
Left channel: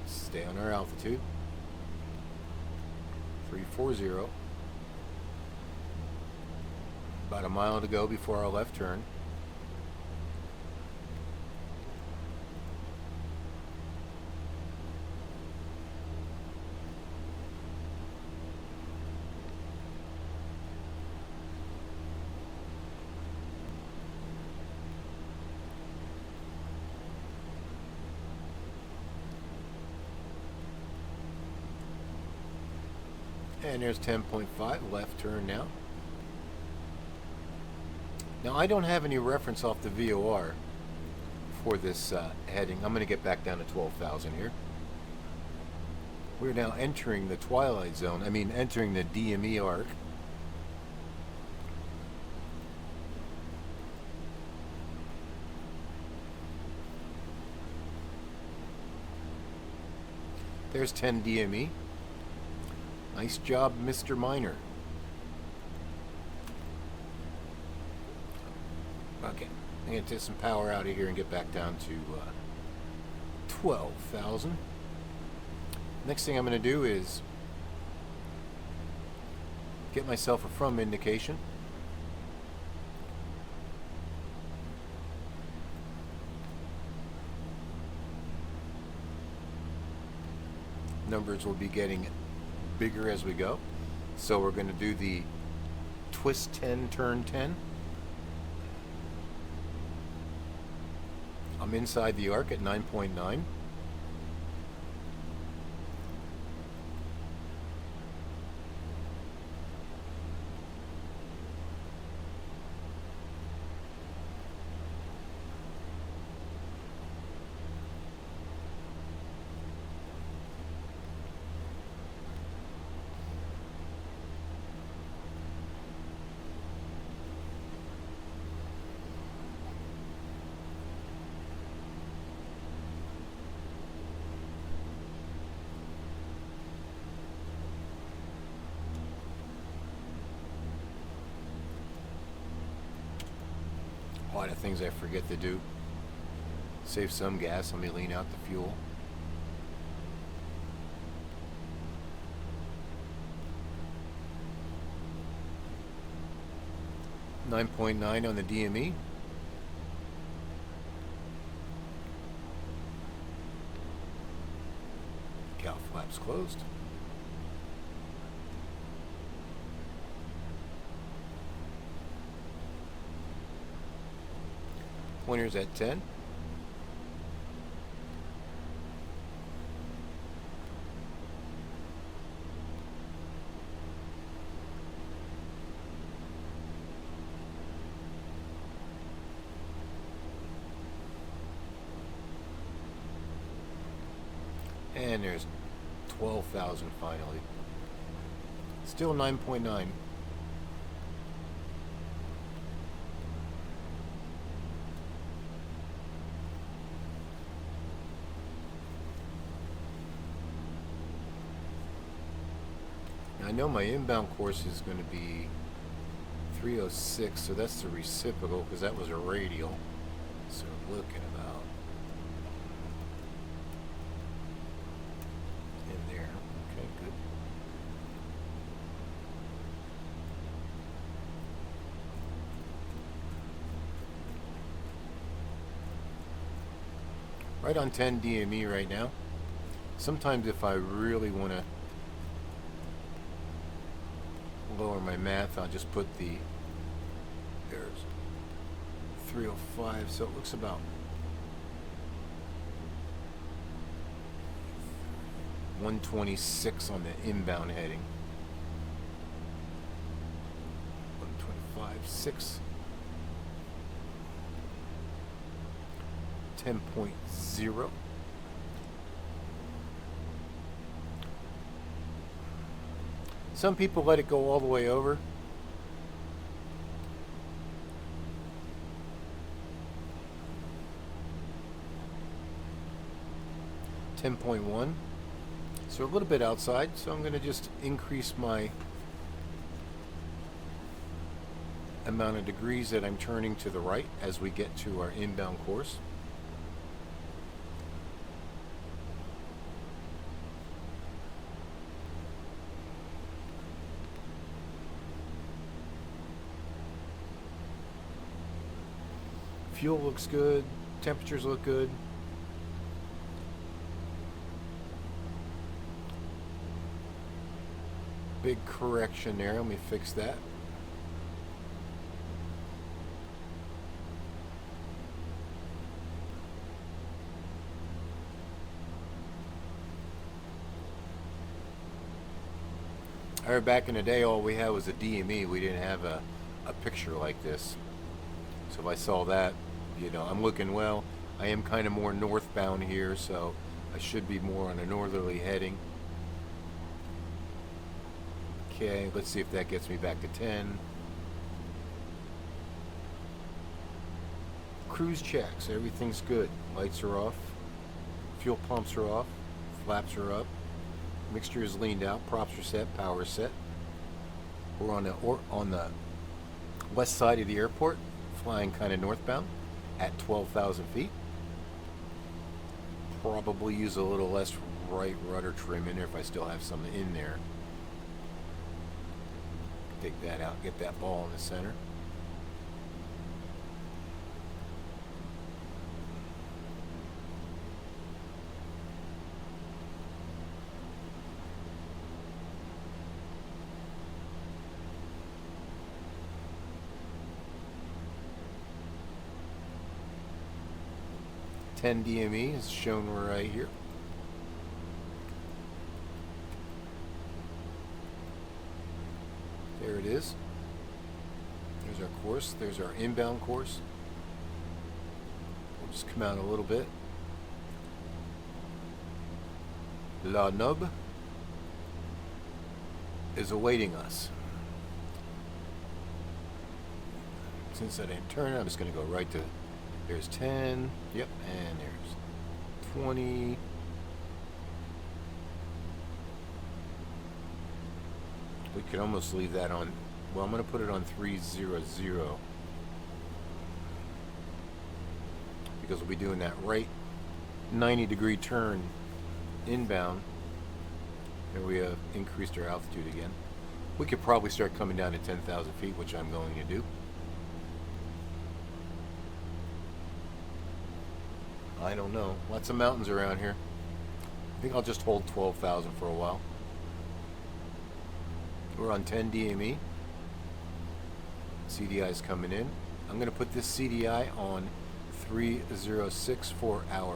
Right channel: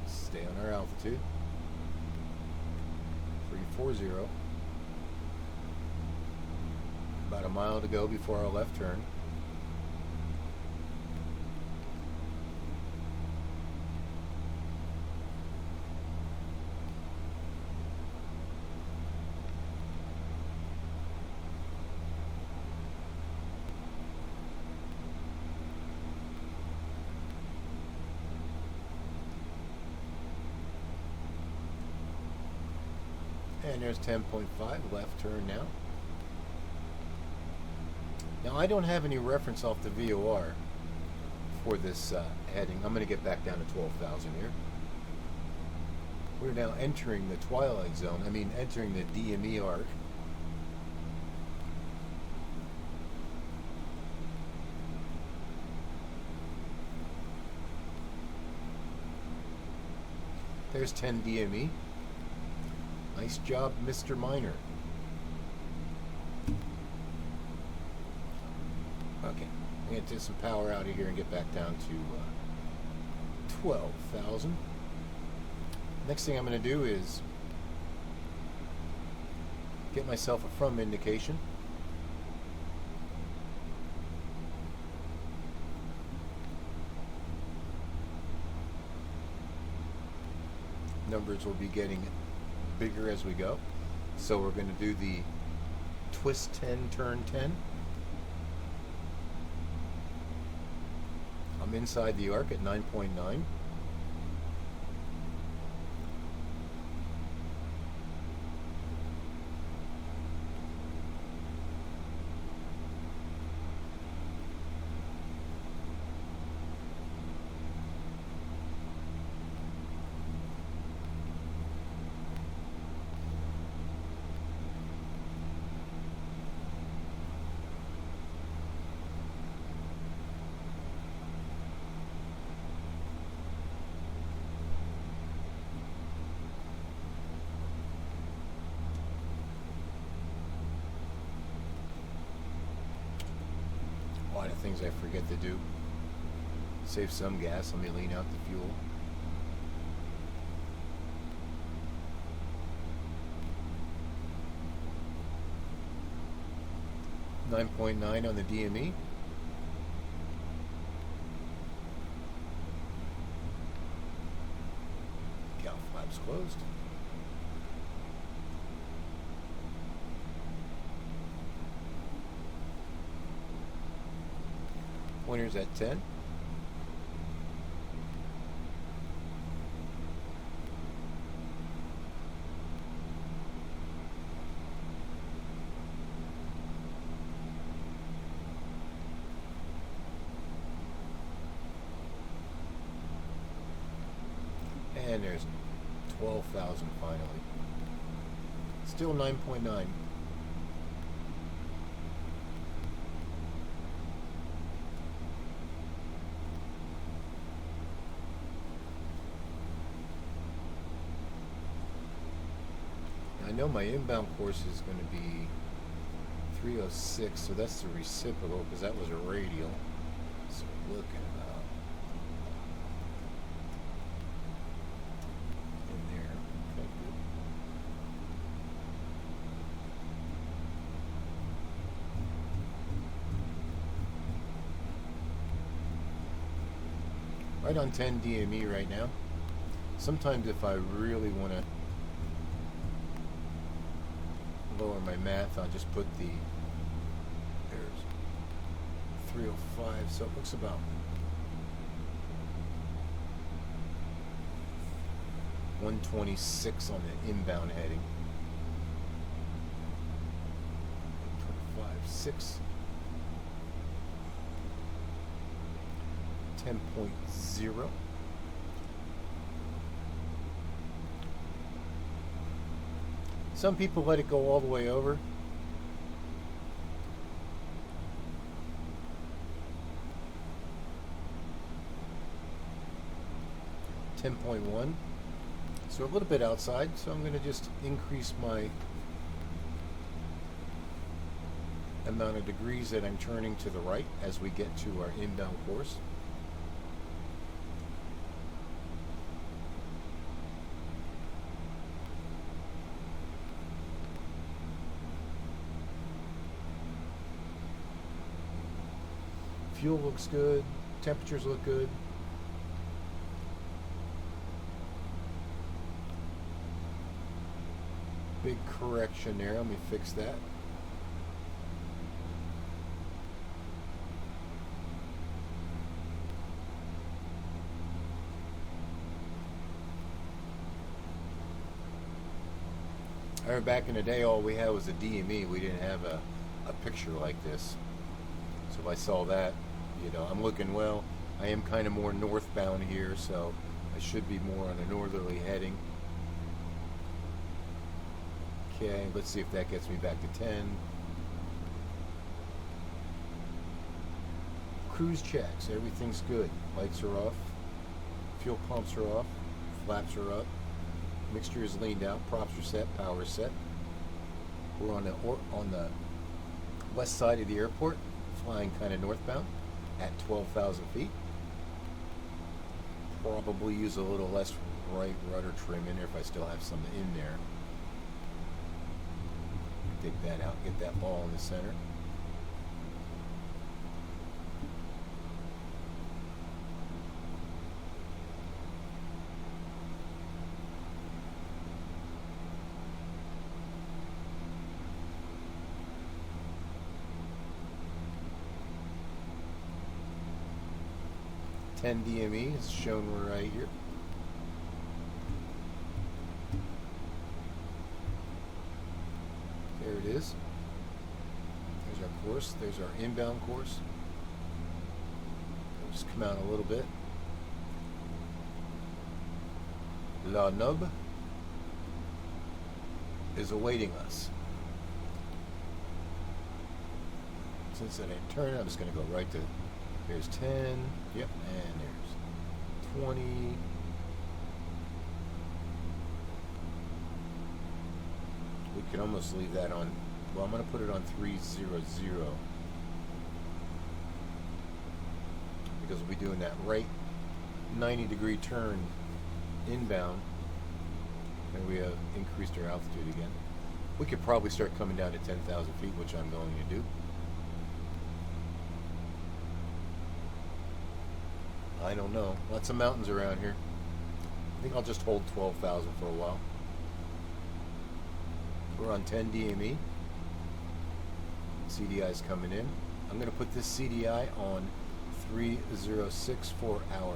Stay on our altitude. 340. About a mile to go before our left turn. And there's 10.5, left turn now. Now I don't have any reference off the VOR for this heading. I'm going to get back down to 12,000 here. We're now entering the twilight zone. I mean, entering the DME ARC. There's 10 DME. Nice job, Mr. Miner. Okay, I'm going to take some power out of here and get back down to 12,000. Next thing I'm going to do is get myself a from indication. Numbers will be getting bigger as we go. So we're going to do the twist 10, turn 10. I'm inside the arc at 9.9. The things I forget to do. Save some gas. Let me lean out the fuel. .9 on the DME. Cow flaps closed. Pointers at 10. And there's 12,000 finally. Still 9.9. I know my inbound course is going to be 306, so that's the reciprocal because that was a radial. So we're looking about in there. Okay, good. Right on 10 DME right now. Sometimes if I really want to lower my math, I'll just put the, there's 305, so it looks about 126 on the inbound heading. 125.6. 10.0. Some people let it go all the way over. .1, so a little bit outside, so I'm going to just increase my amount of degrees that I'm turning to the right as we get to our inbound course. Fuel looks good, temperatures look good. Big correction there, let me fix that. I remember back in the day all we had was a DME, we didn't have a picture like this. So if I saw that, you know, I'm looking well. I am kind of more northbound here, so I should be more on a northerly heading. Okay, let's see if that gets me back to 10. Cruise checks, everything's good. Lights are off, fuel pumps are off, flaps are up, mixture is leaned out, props are set, power is set. We're on the west side of the airport, flying kind of northbound at 12,000 feet. Probably use a little less right rudder trim in there if I still have something in there. Take that out, get that ball in the center. DME is shown right here. There it is. There's our course. There's our inbound course. Just come out a little bit. La Nub is awaiting us. Since I didn't turn, I'm just going to go right to. Here's 10. Yep, and there's 20. We could almost leave that on. Well, I'm going to put it on 300 because we'll be doing that right 90-degree turn inbound, and we have increased our altitude again. We could probably start coming down to 10,000 feet, which I'm going to do. Some mountains around here. I think I'll just hold 12,000 for a while. We're on 10 DME. CDI is coming in. I'm going to put this CDI on 306 for our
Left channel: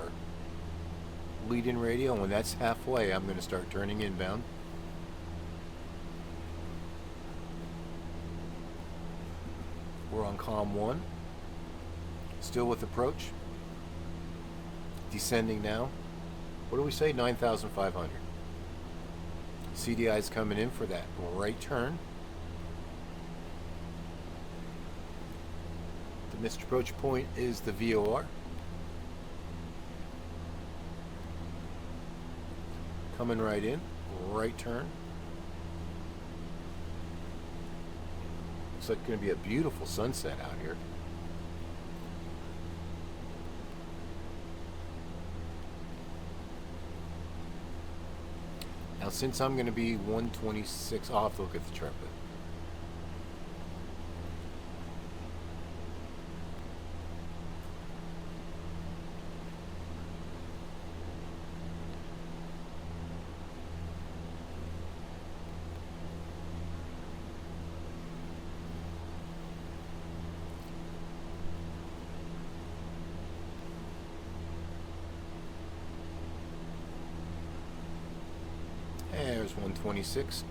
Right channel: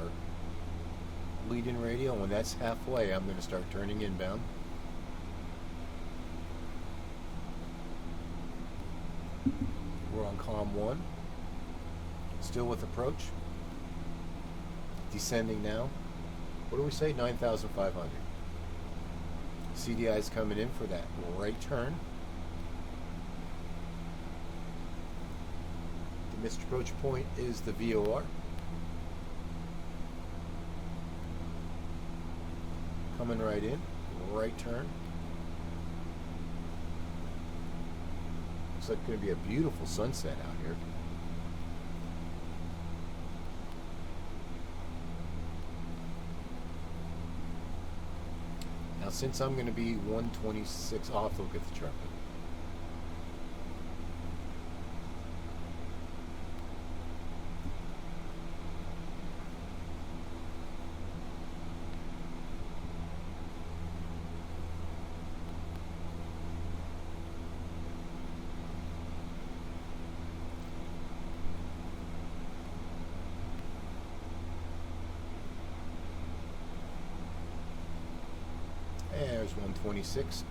lead-in radio. And when that's halfway, I'm going to start turning inbound. We're on COM 1. Still with approach. Descending now. What do we say? 9,500. CDI is coming in for that right turn. The missed approach point is the VOR. Coming right in. Right turn. Looks like it's going to be a beautiful sunset out here. Since I'm going to be 126, I'll have to look at the chart.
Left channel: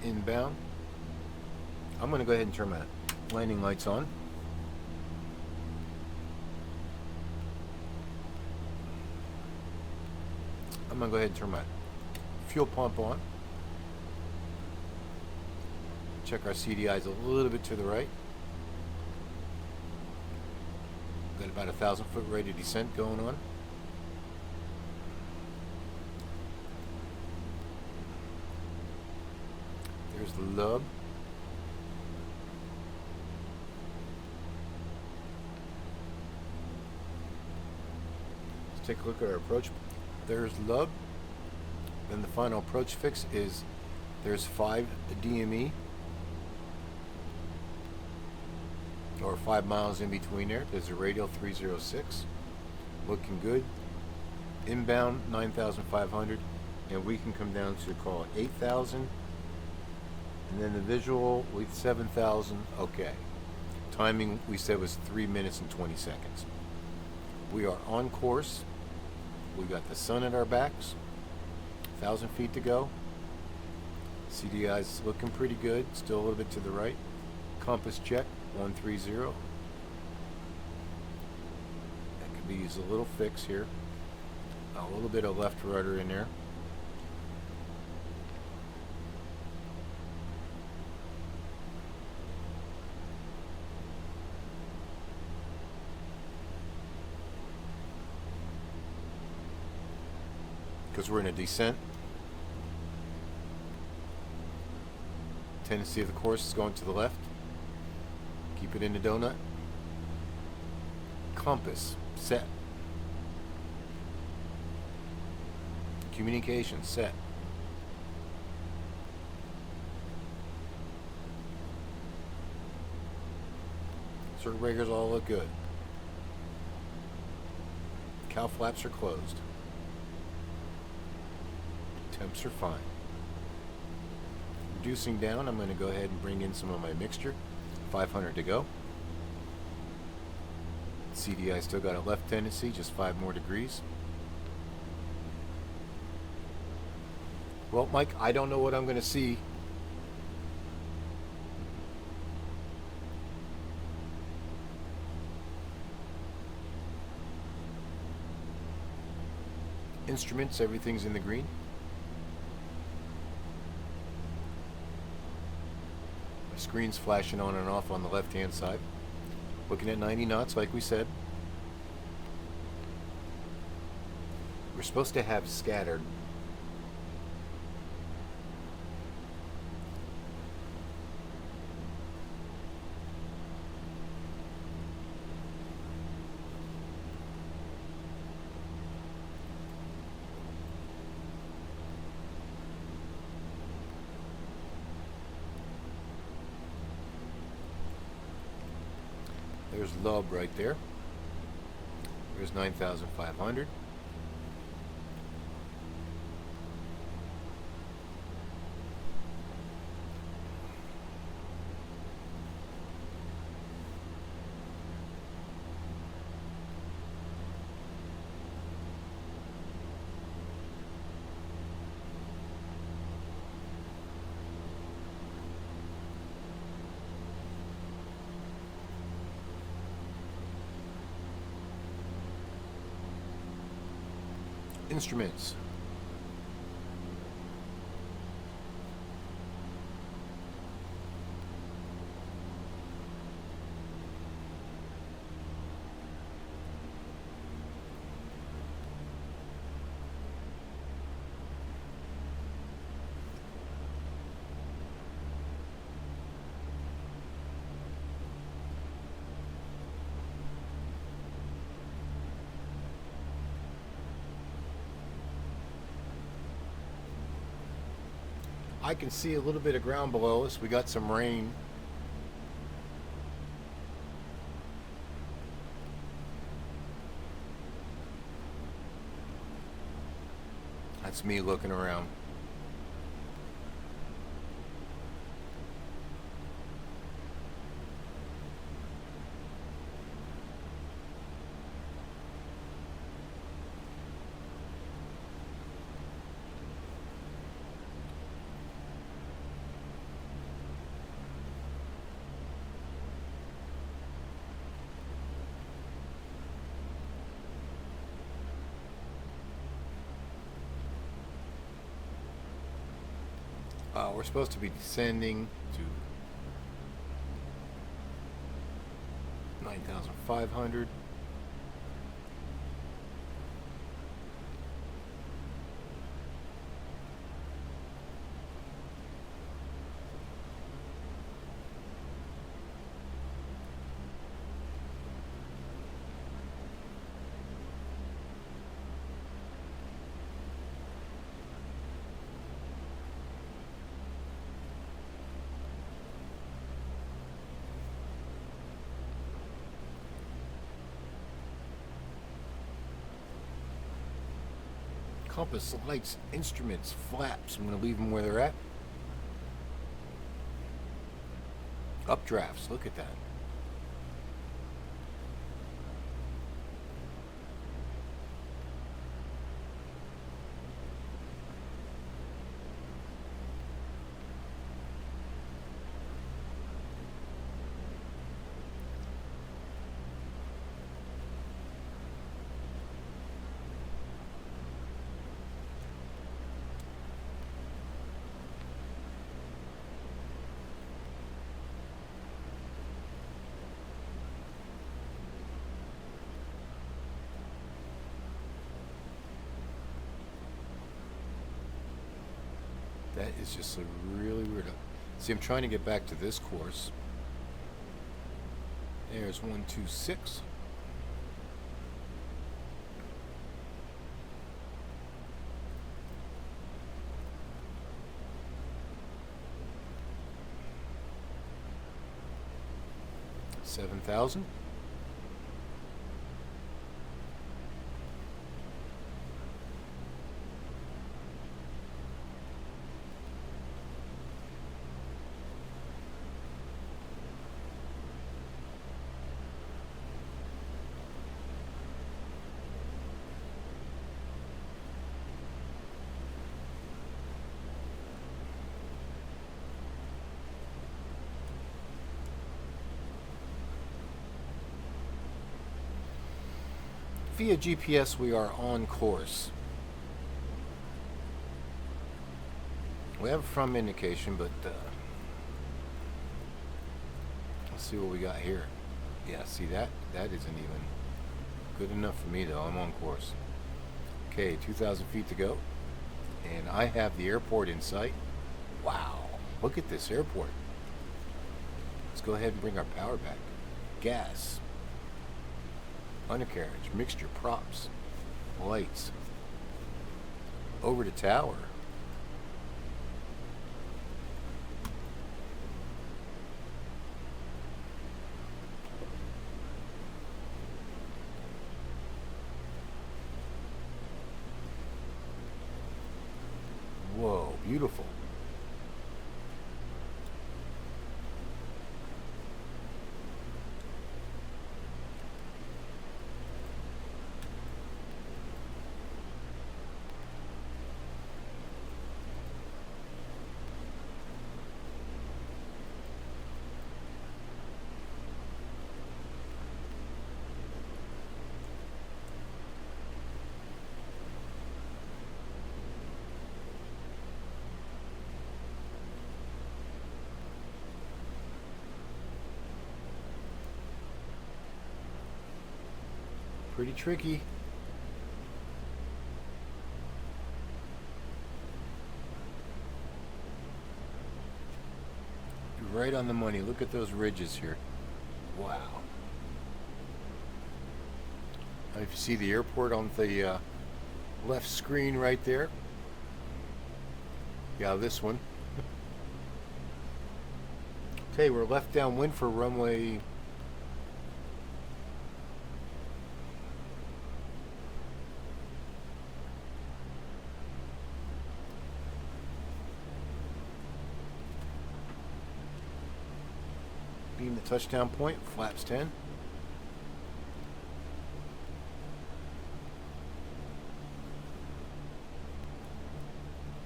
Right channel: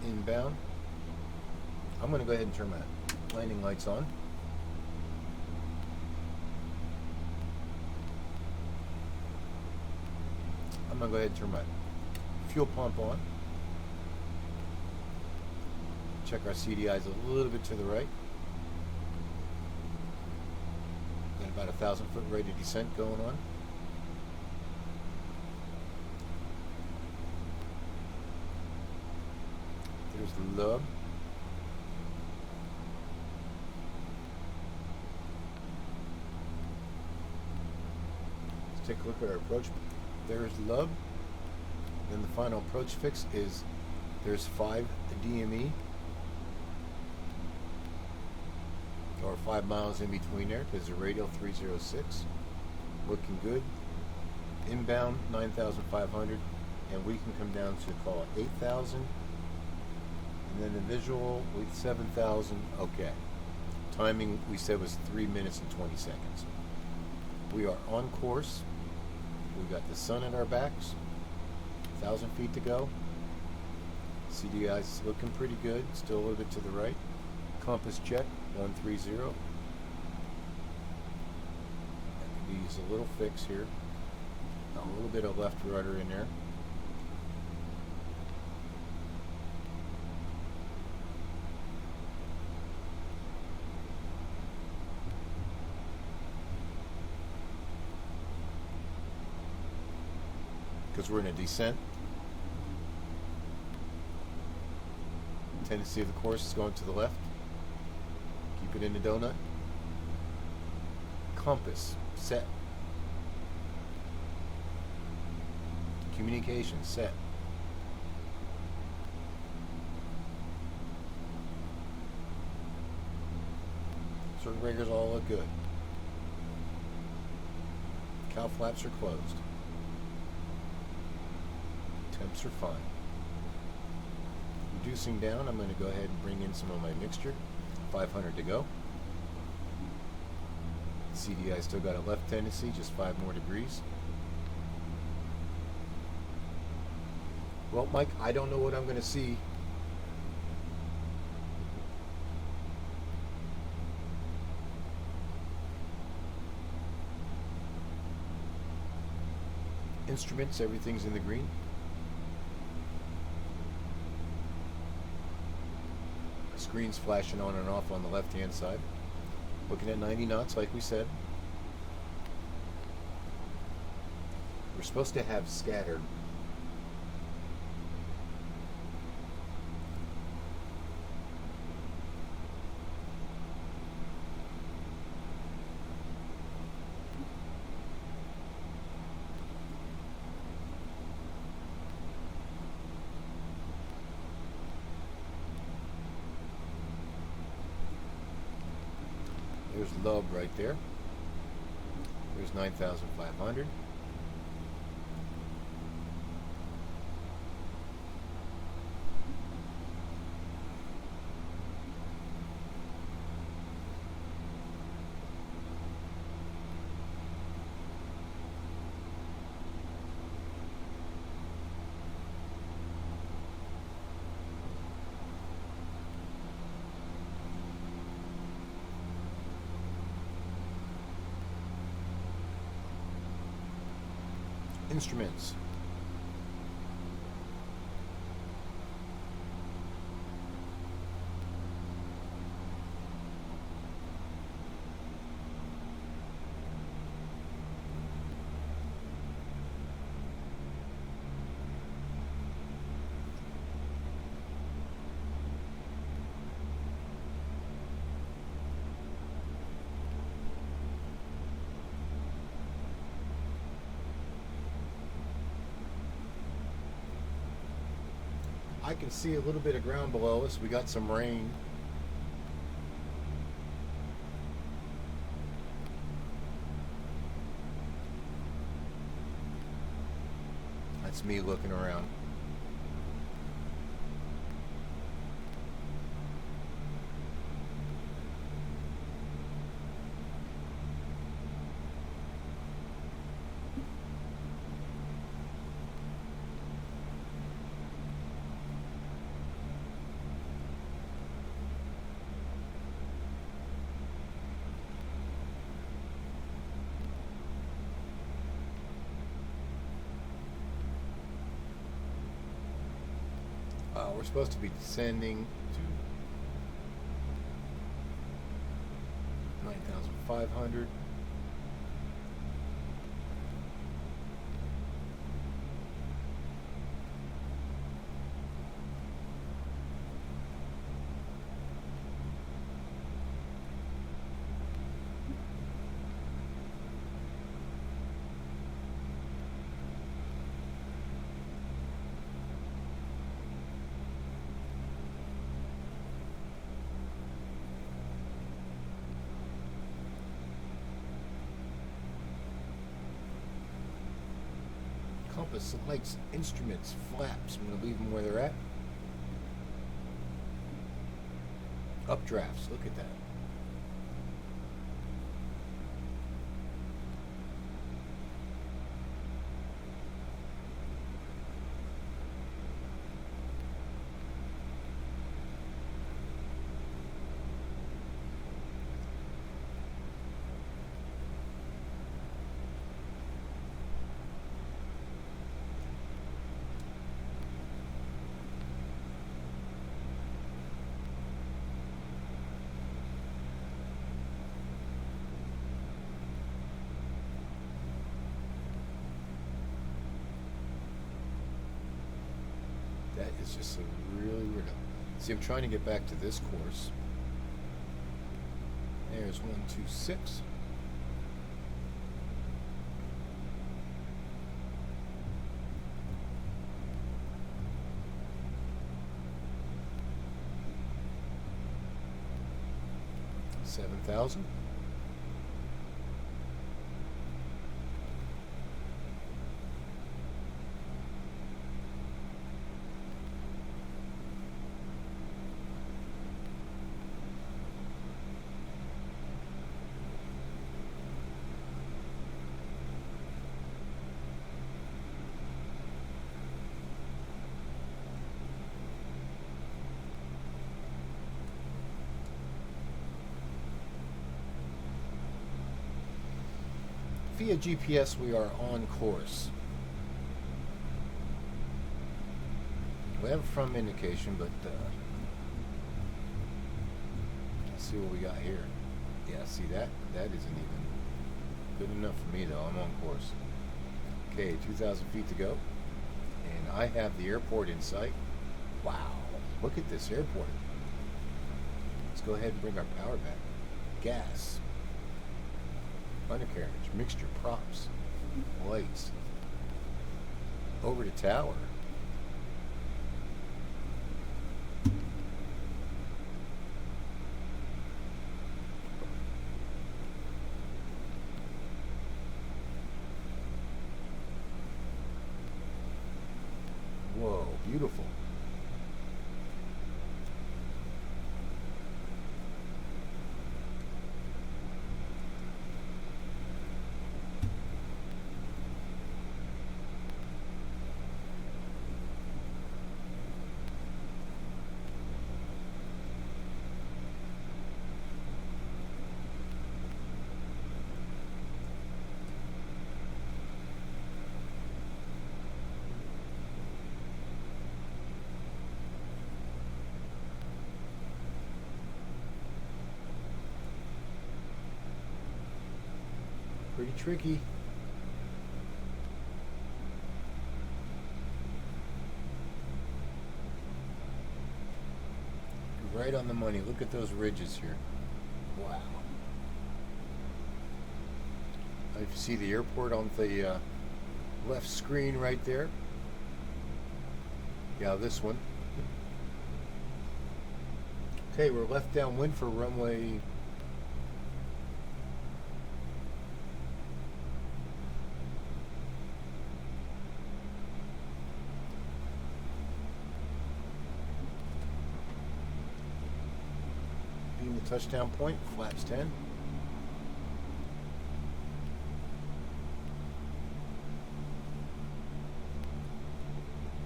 Inbound. I'm going to go ahead and turn my landing lights on. I'm going to go ahead and turn my fuel pump on. Check our CDIs a little bit to the right. Got about 1,000-foot rate of descent going on. look at our approach. There's lug. Then the final approach fix is there's 5 the DME, or 5 miles in between there. There's a radial 306, looking good. Inbound 9,500, and we can come down to call it 8,000. And then the visual, we 7,000. Okay. Timing we said was 3 minutes and 20 seconds. We are on course. We've got the sun at our backs. 1,000 feet to go. CDI is looking pretty good. Still a little bit to the right. Compass check on 30. I can use a little fix here. A little bit of left rudder in there. Because we're in a descent. Tendency of the course is going to the left. Keep it in the donut. Compass set. Communication set. Circuit breakers all look good. Cow flaps are closed. Temps are fine. Reducing down, I'm going to go ahead and bring in some of my mixture. 500 to go. CDI still got a left tendency, just 5 more degrees. Well, Mike, I don't know what I'm going to see. Instruments, everything's in the green. My screen's flashing on and off on the left-hand side. Looking at 90 knots, like we said. We're supposed to have scatter. Log right there. There's 9,500. Instruments. I can see a little bit of ground below us. We got some rain. That's me looking around. We're supposed to be descending to 9,500. compass, lights, instruments, flaps. I'm going to leave them where they're at. Updrafts, look at that. It's just a really weird. See, I'm trying to get back to this course. There's 126. $7,000. Via GPS, we are on course. We have a front indication, but let's see what we got here. Yeah, see that? That isn't even good enough for me, though. I'm on course. Okay, 2,000 feet to go. And I have the airport in sight. Wow, look at this airport. Let's go ahead and bring our power back. Gas. Undercarriage, mixture, props, lights, over to tower. Whoa, beautiful. Pretty tricky. Right on the money. Look at those ridges here. Wow. If you see the airport on the left screen right there. Yeah, this one. Okay, we're left downwind for runway . Touchdown point, flaps 10.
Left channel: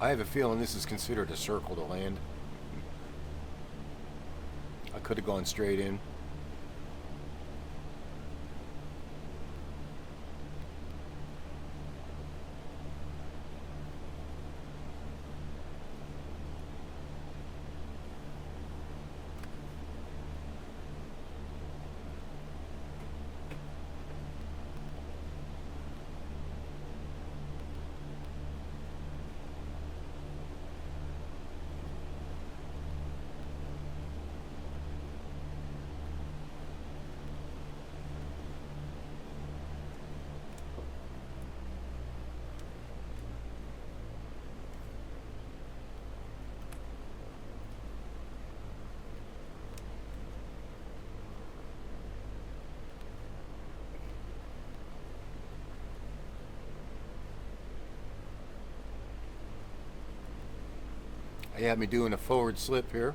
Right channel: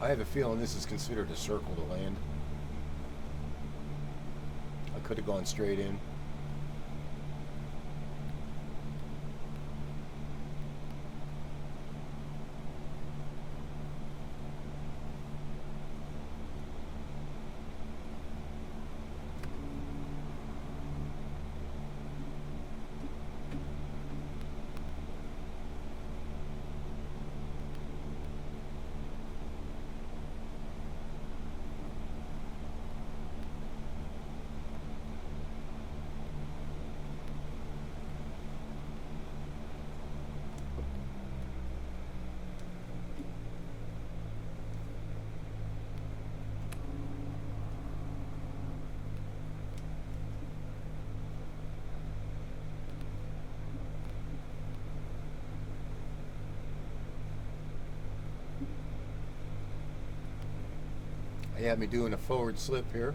I have a feeling this is considered a circle to land. I could have gone straight in. They had me doing a forward slip here.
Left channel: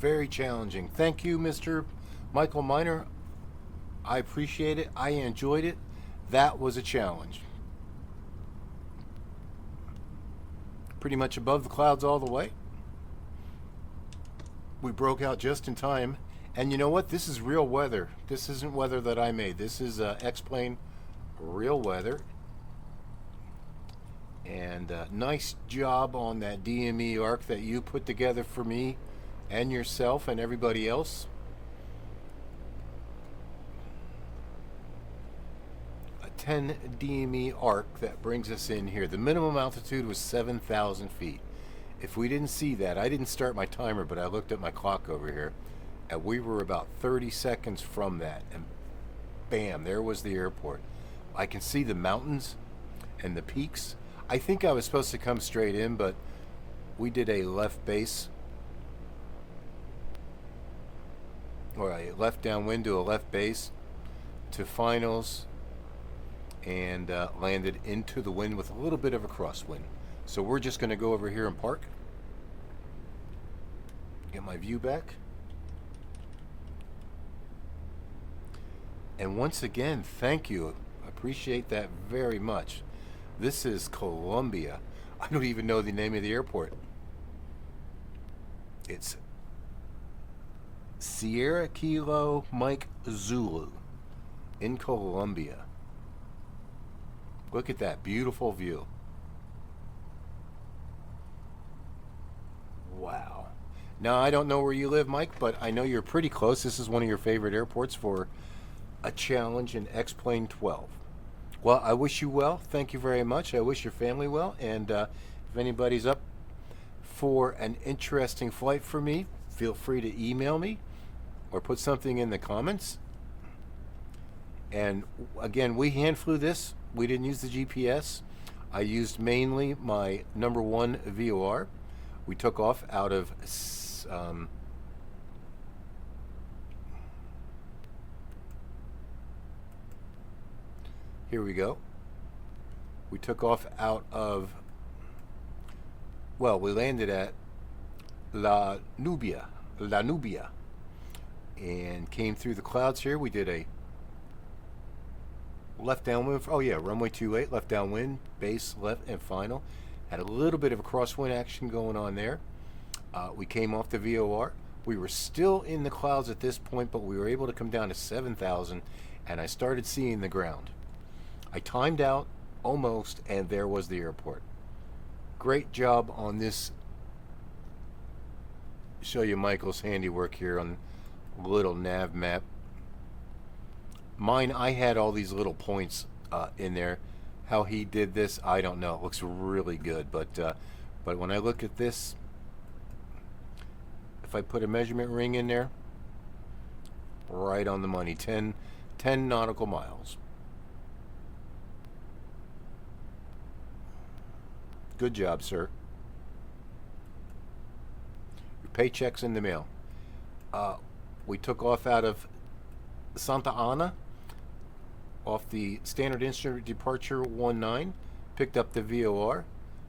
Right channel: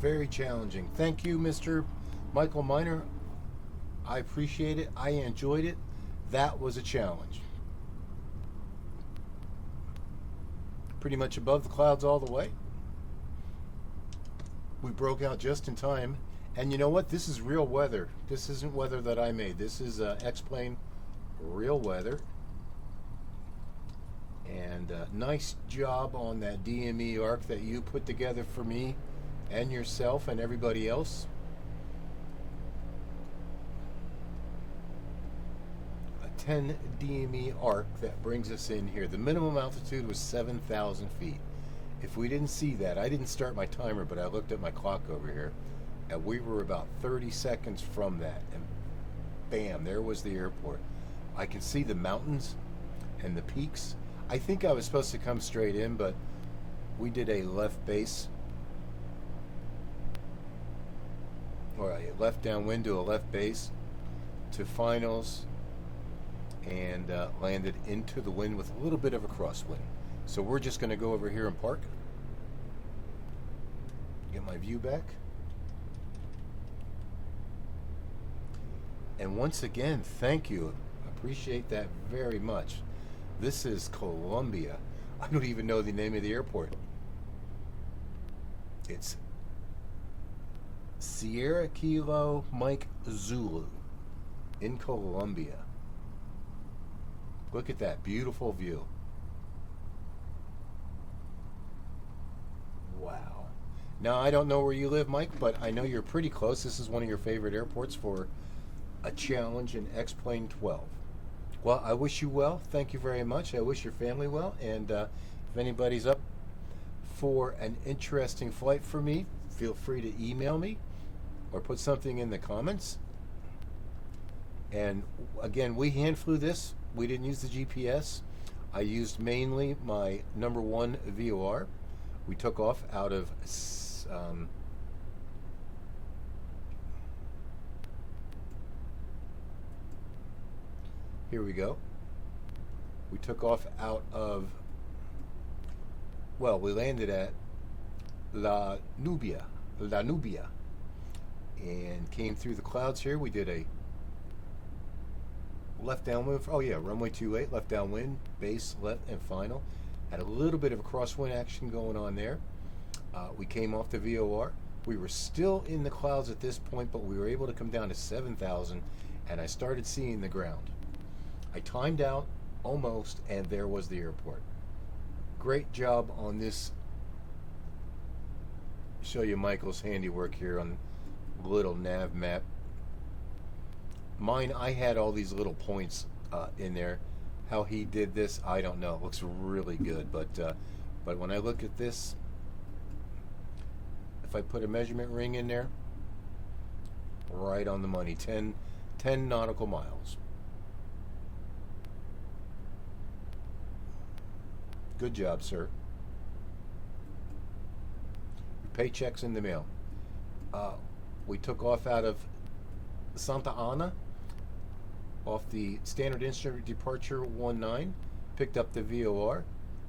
Very challenging. Thank you, Mr. Michael Miner. I appreciate it. I enjoyed it. That was a challenge. Pretty much above the clouds all the way. We broke out just in time. And you know what? This is real weather. This isn't weather that I made. This is X-Plane real weather. And nice job on that DME ARC that you put together for me and yourself and everybody else. A 10 DME ARC that brings us in here. The minimum altitude was 7,000 feet. If we didn't see that, I didn't start my timer, but I looked at my clock over here, and we were about 30 seconds from that, and bam, there was the airport. I can see the mountains and the peaks. I think I was supposed to come straight in, but we did a left base, or a left downwind to a left base to finals, and landed into the wind with a little bit of a crosswind. So we're just going to go over here and park. Get my view back. And once again, thank you. I appreciate that very much. This is Colombia. I don't even know the name of the airport. It's Sierra Kilo Mike Zulu in Colombia. Look at that beautiful view. Wow. Now, I don't know where you live, Mike, but I know you're pretty close. This is one of your favorite airports for a challenge in X-Plane 12. Well, I wish you well. Thank you very much. I wish your family well. And if anybody's up for an interesting flight for me, feel free to email me or put something in the comments. And again, we hand flew this. We didn't use the GPS. I used mainly my #1 VOR. We took off out of here we go. We took off out of, well, we landed at Nubia, and came through the clouds here. We did a left downwind, oh yeah, runway 28, left downwind, base, left, and final. Had a little bit of a crosswind action going on there. We came off the VOR. We were still in the clouds at this point, but we were able to come down to 7,000, and I started seeing the ground. I timed out almost, and there was the airport. Great job on this. Show you Michael's handiwork here on a little nav map. Mine, I had all these little points in there. How he did this, I don't know. It looks really good, but when I look at this, if I put a measurement ring in there, right on the money, 10 nautical miles. Good job, sir. Your paycheck's in the mail. We took off out of Santa Ana, off the standard instrument departure 19, picked up the VOR,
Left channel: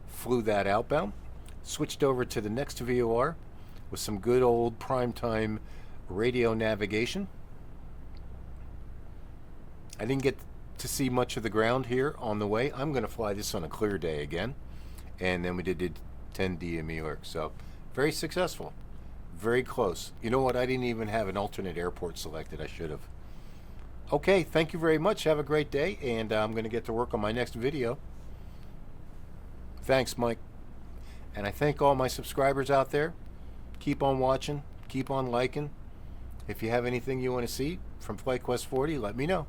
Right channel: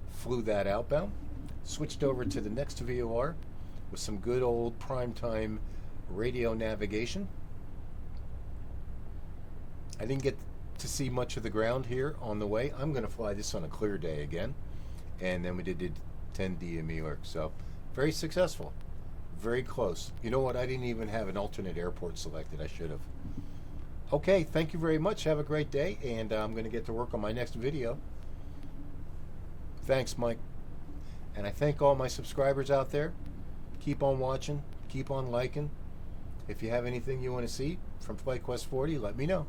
flew that outbound, switched over to the next VOR with some good old primetime radio navigation. I didn't get to see much of the ground here on the way. I'm going to fly this on a clear day again. And then we did 10 DME ARC. So very successful. Very close. You know what? I didn't even have an alternate airport selected. I should have. Okay, thank you very much. Have a great day. And I'm going to get to work on my next video. Thanks, Mike. And I thank all my subscribers out there. Keep on watching. Keep on liking. If you have anything you want to see from FlightQuest 40, let me know.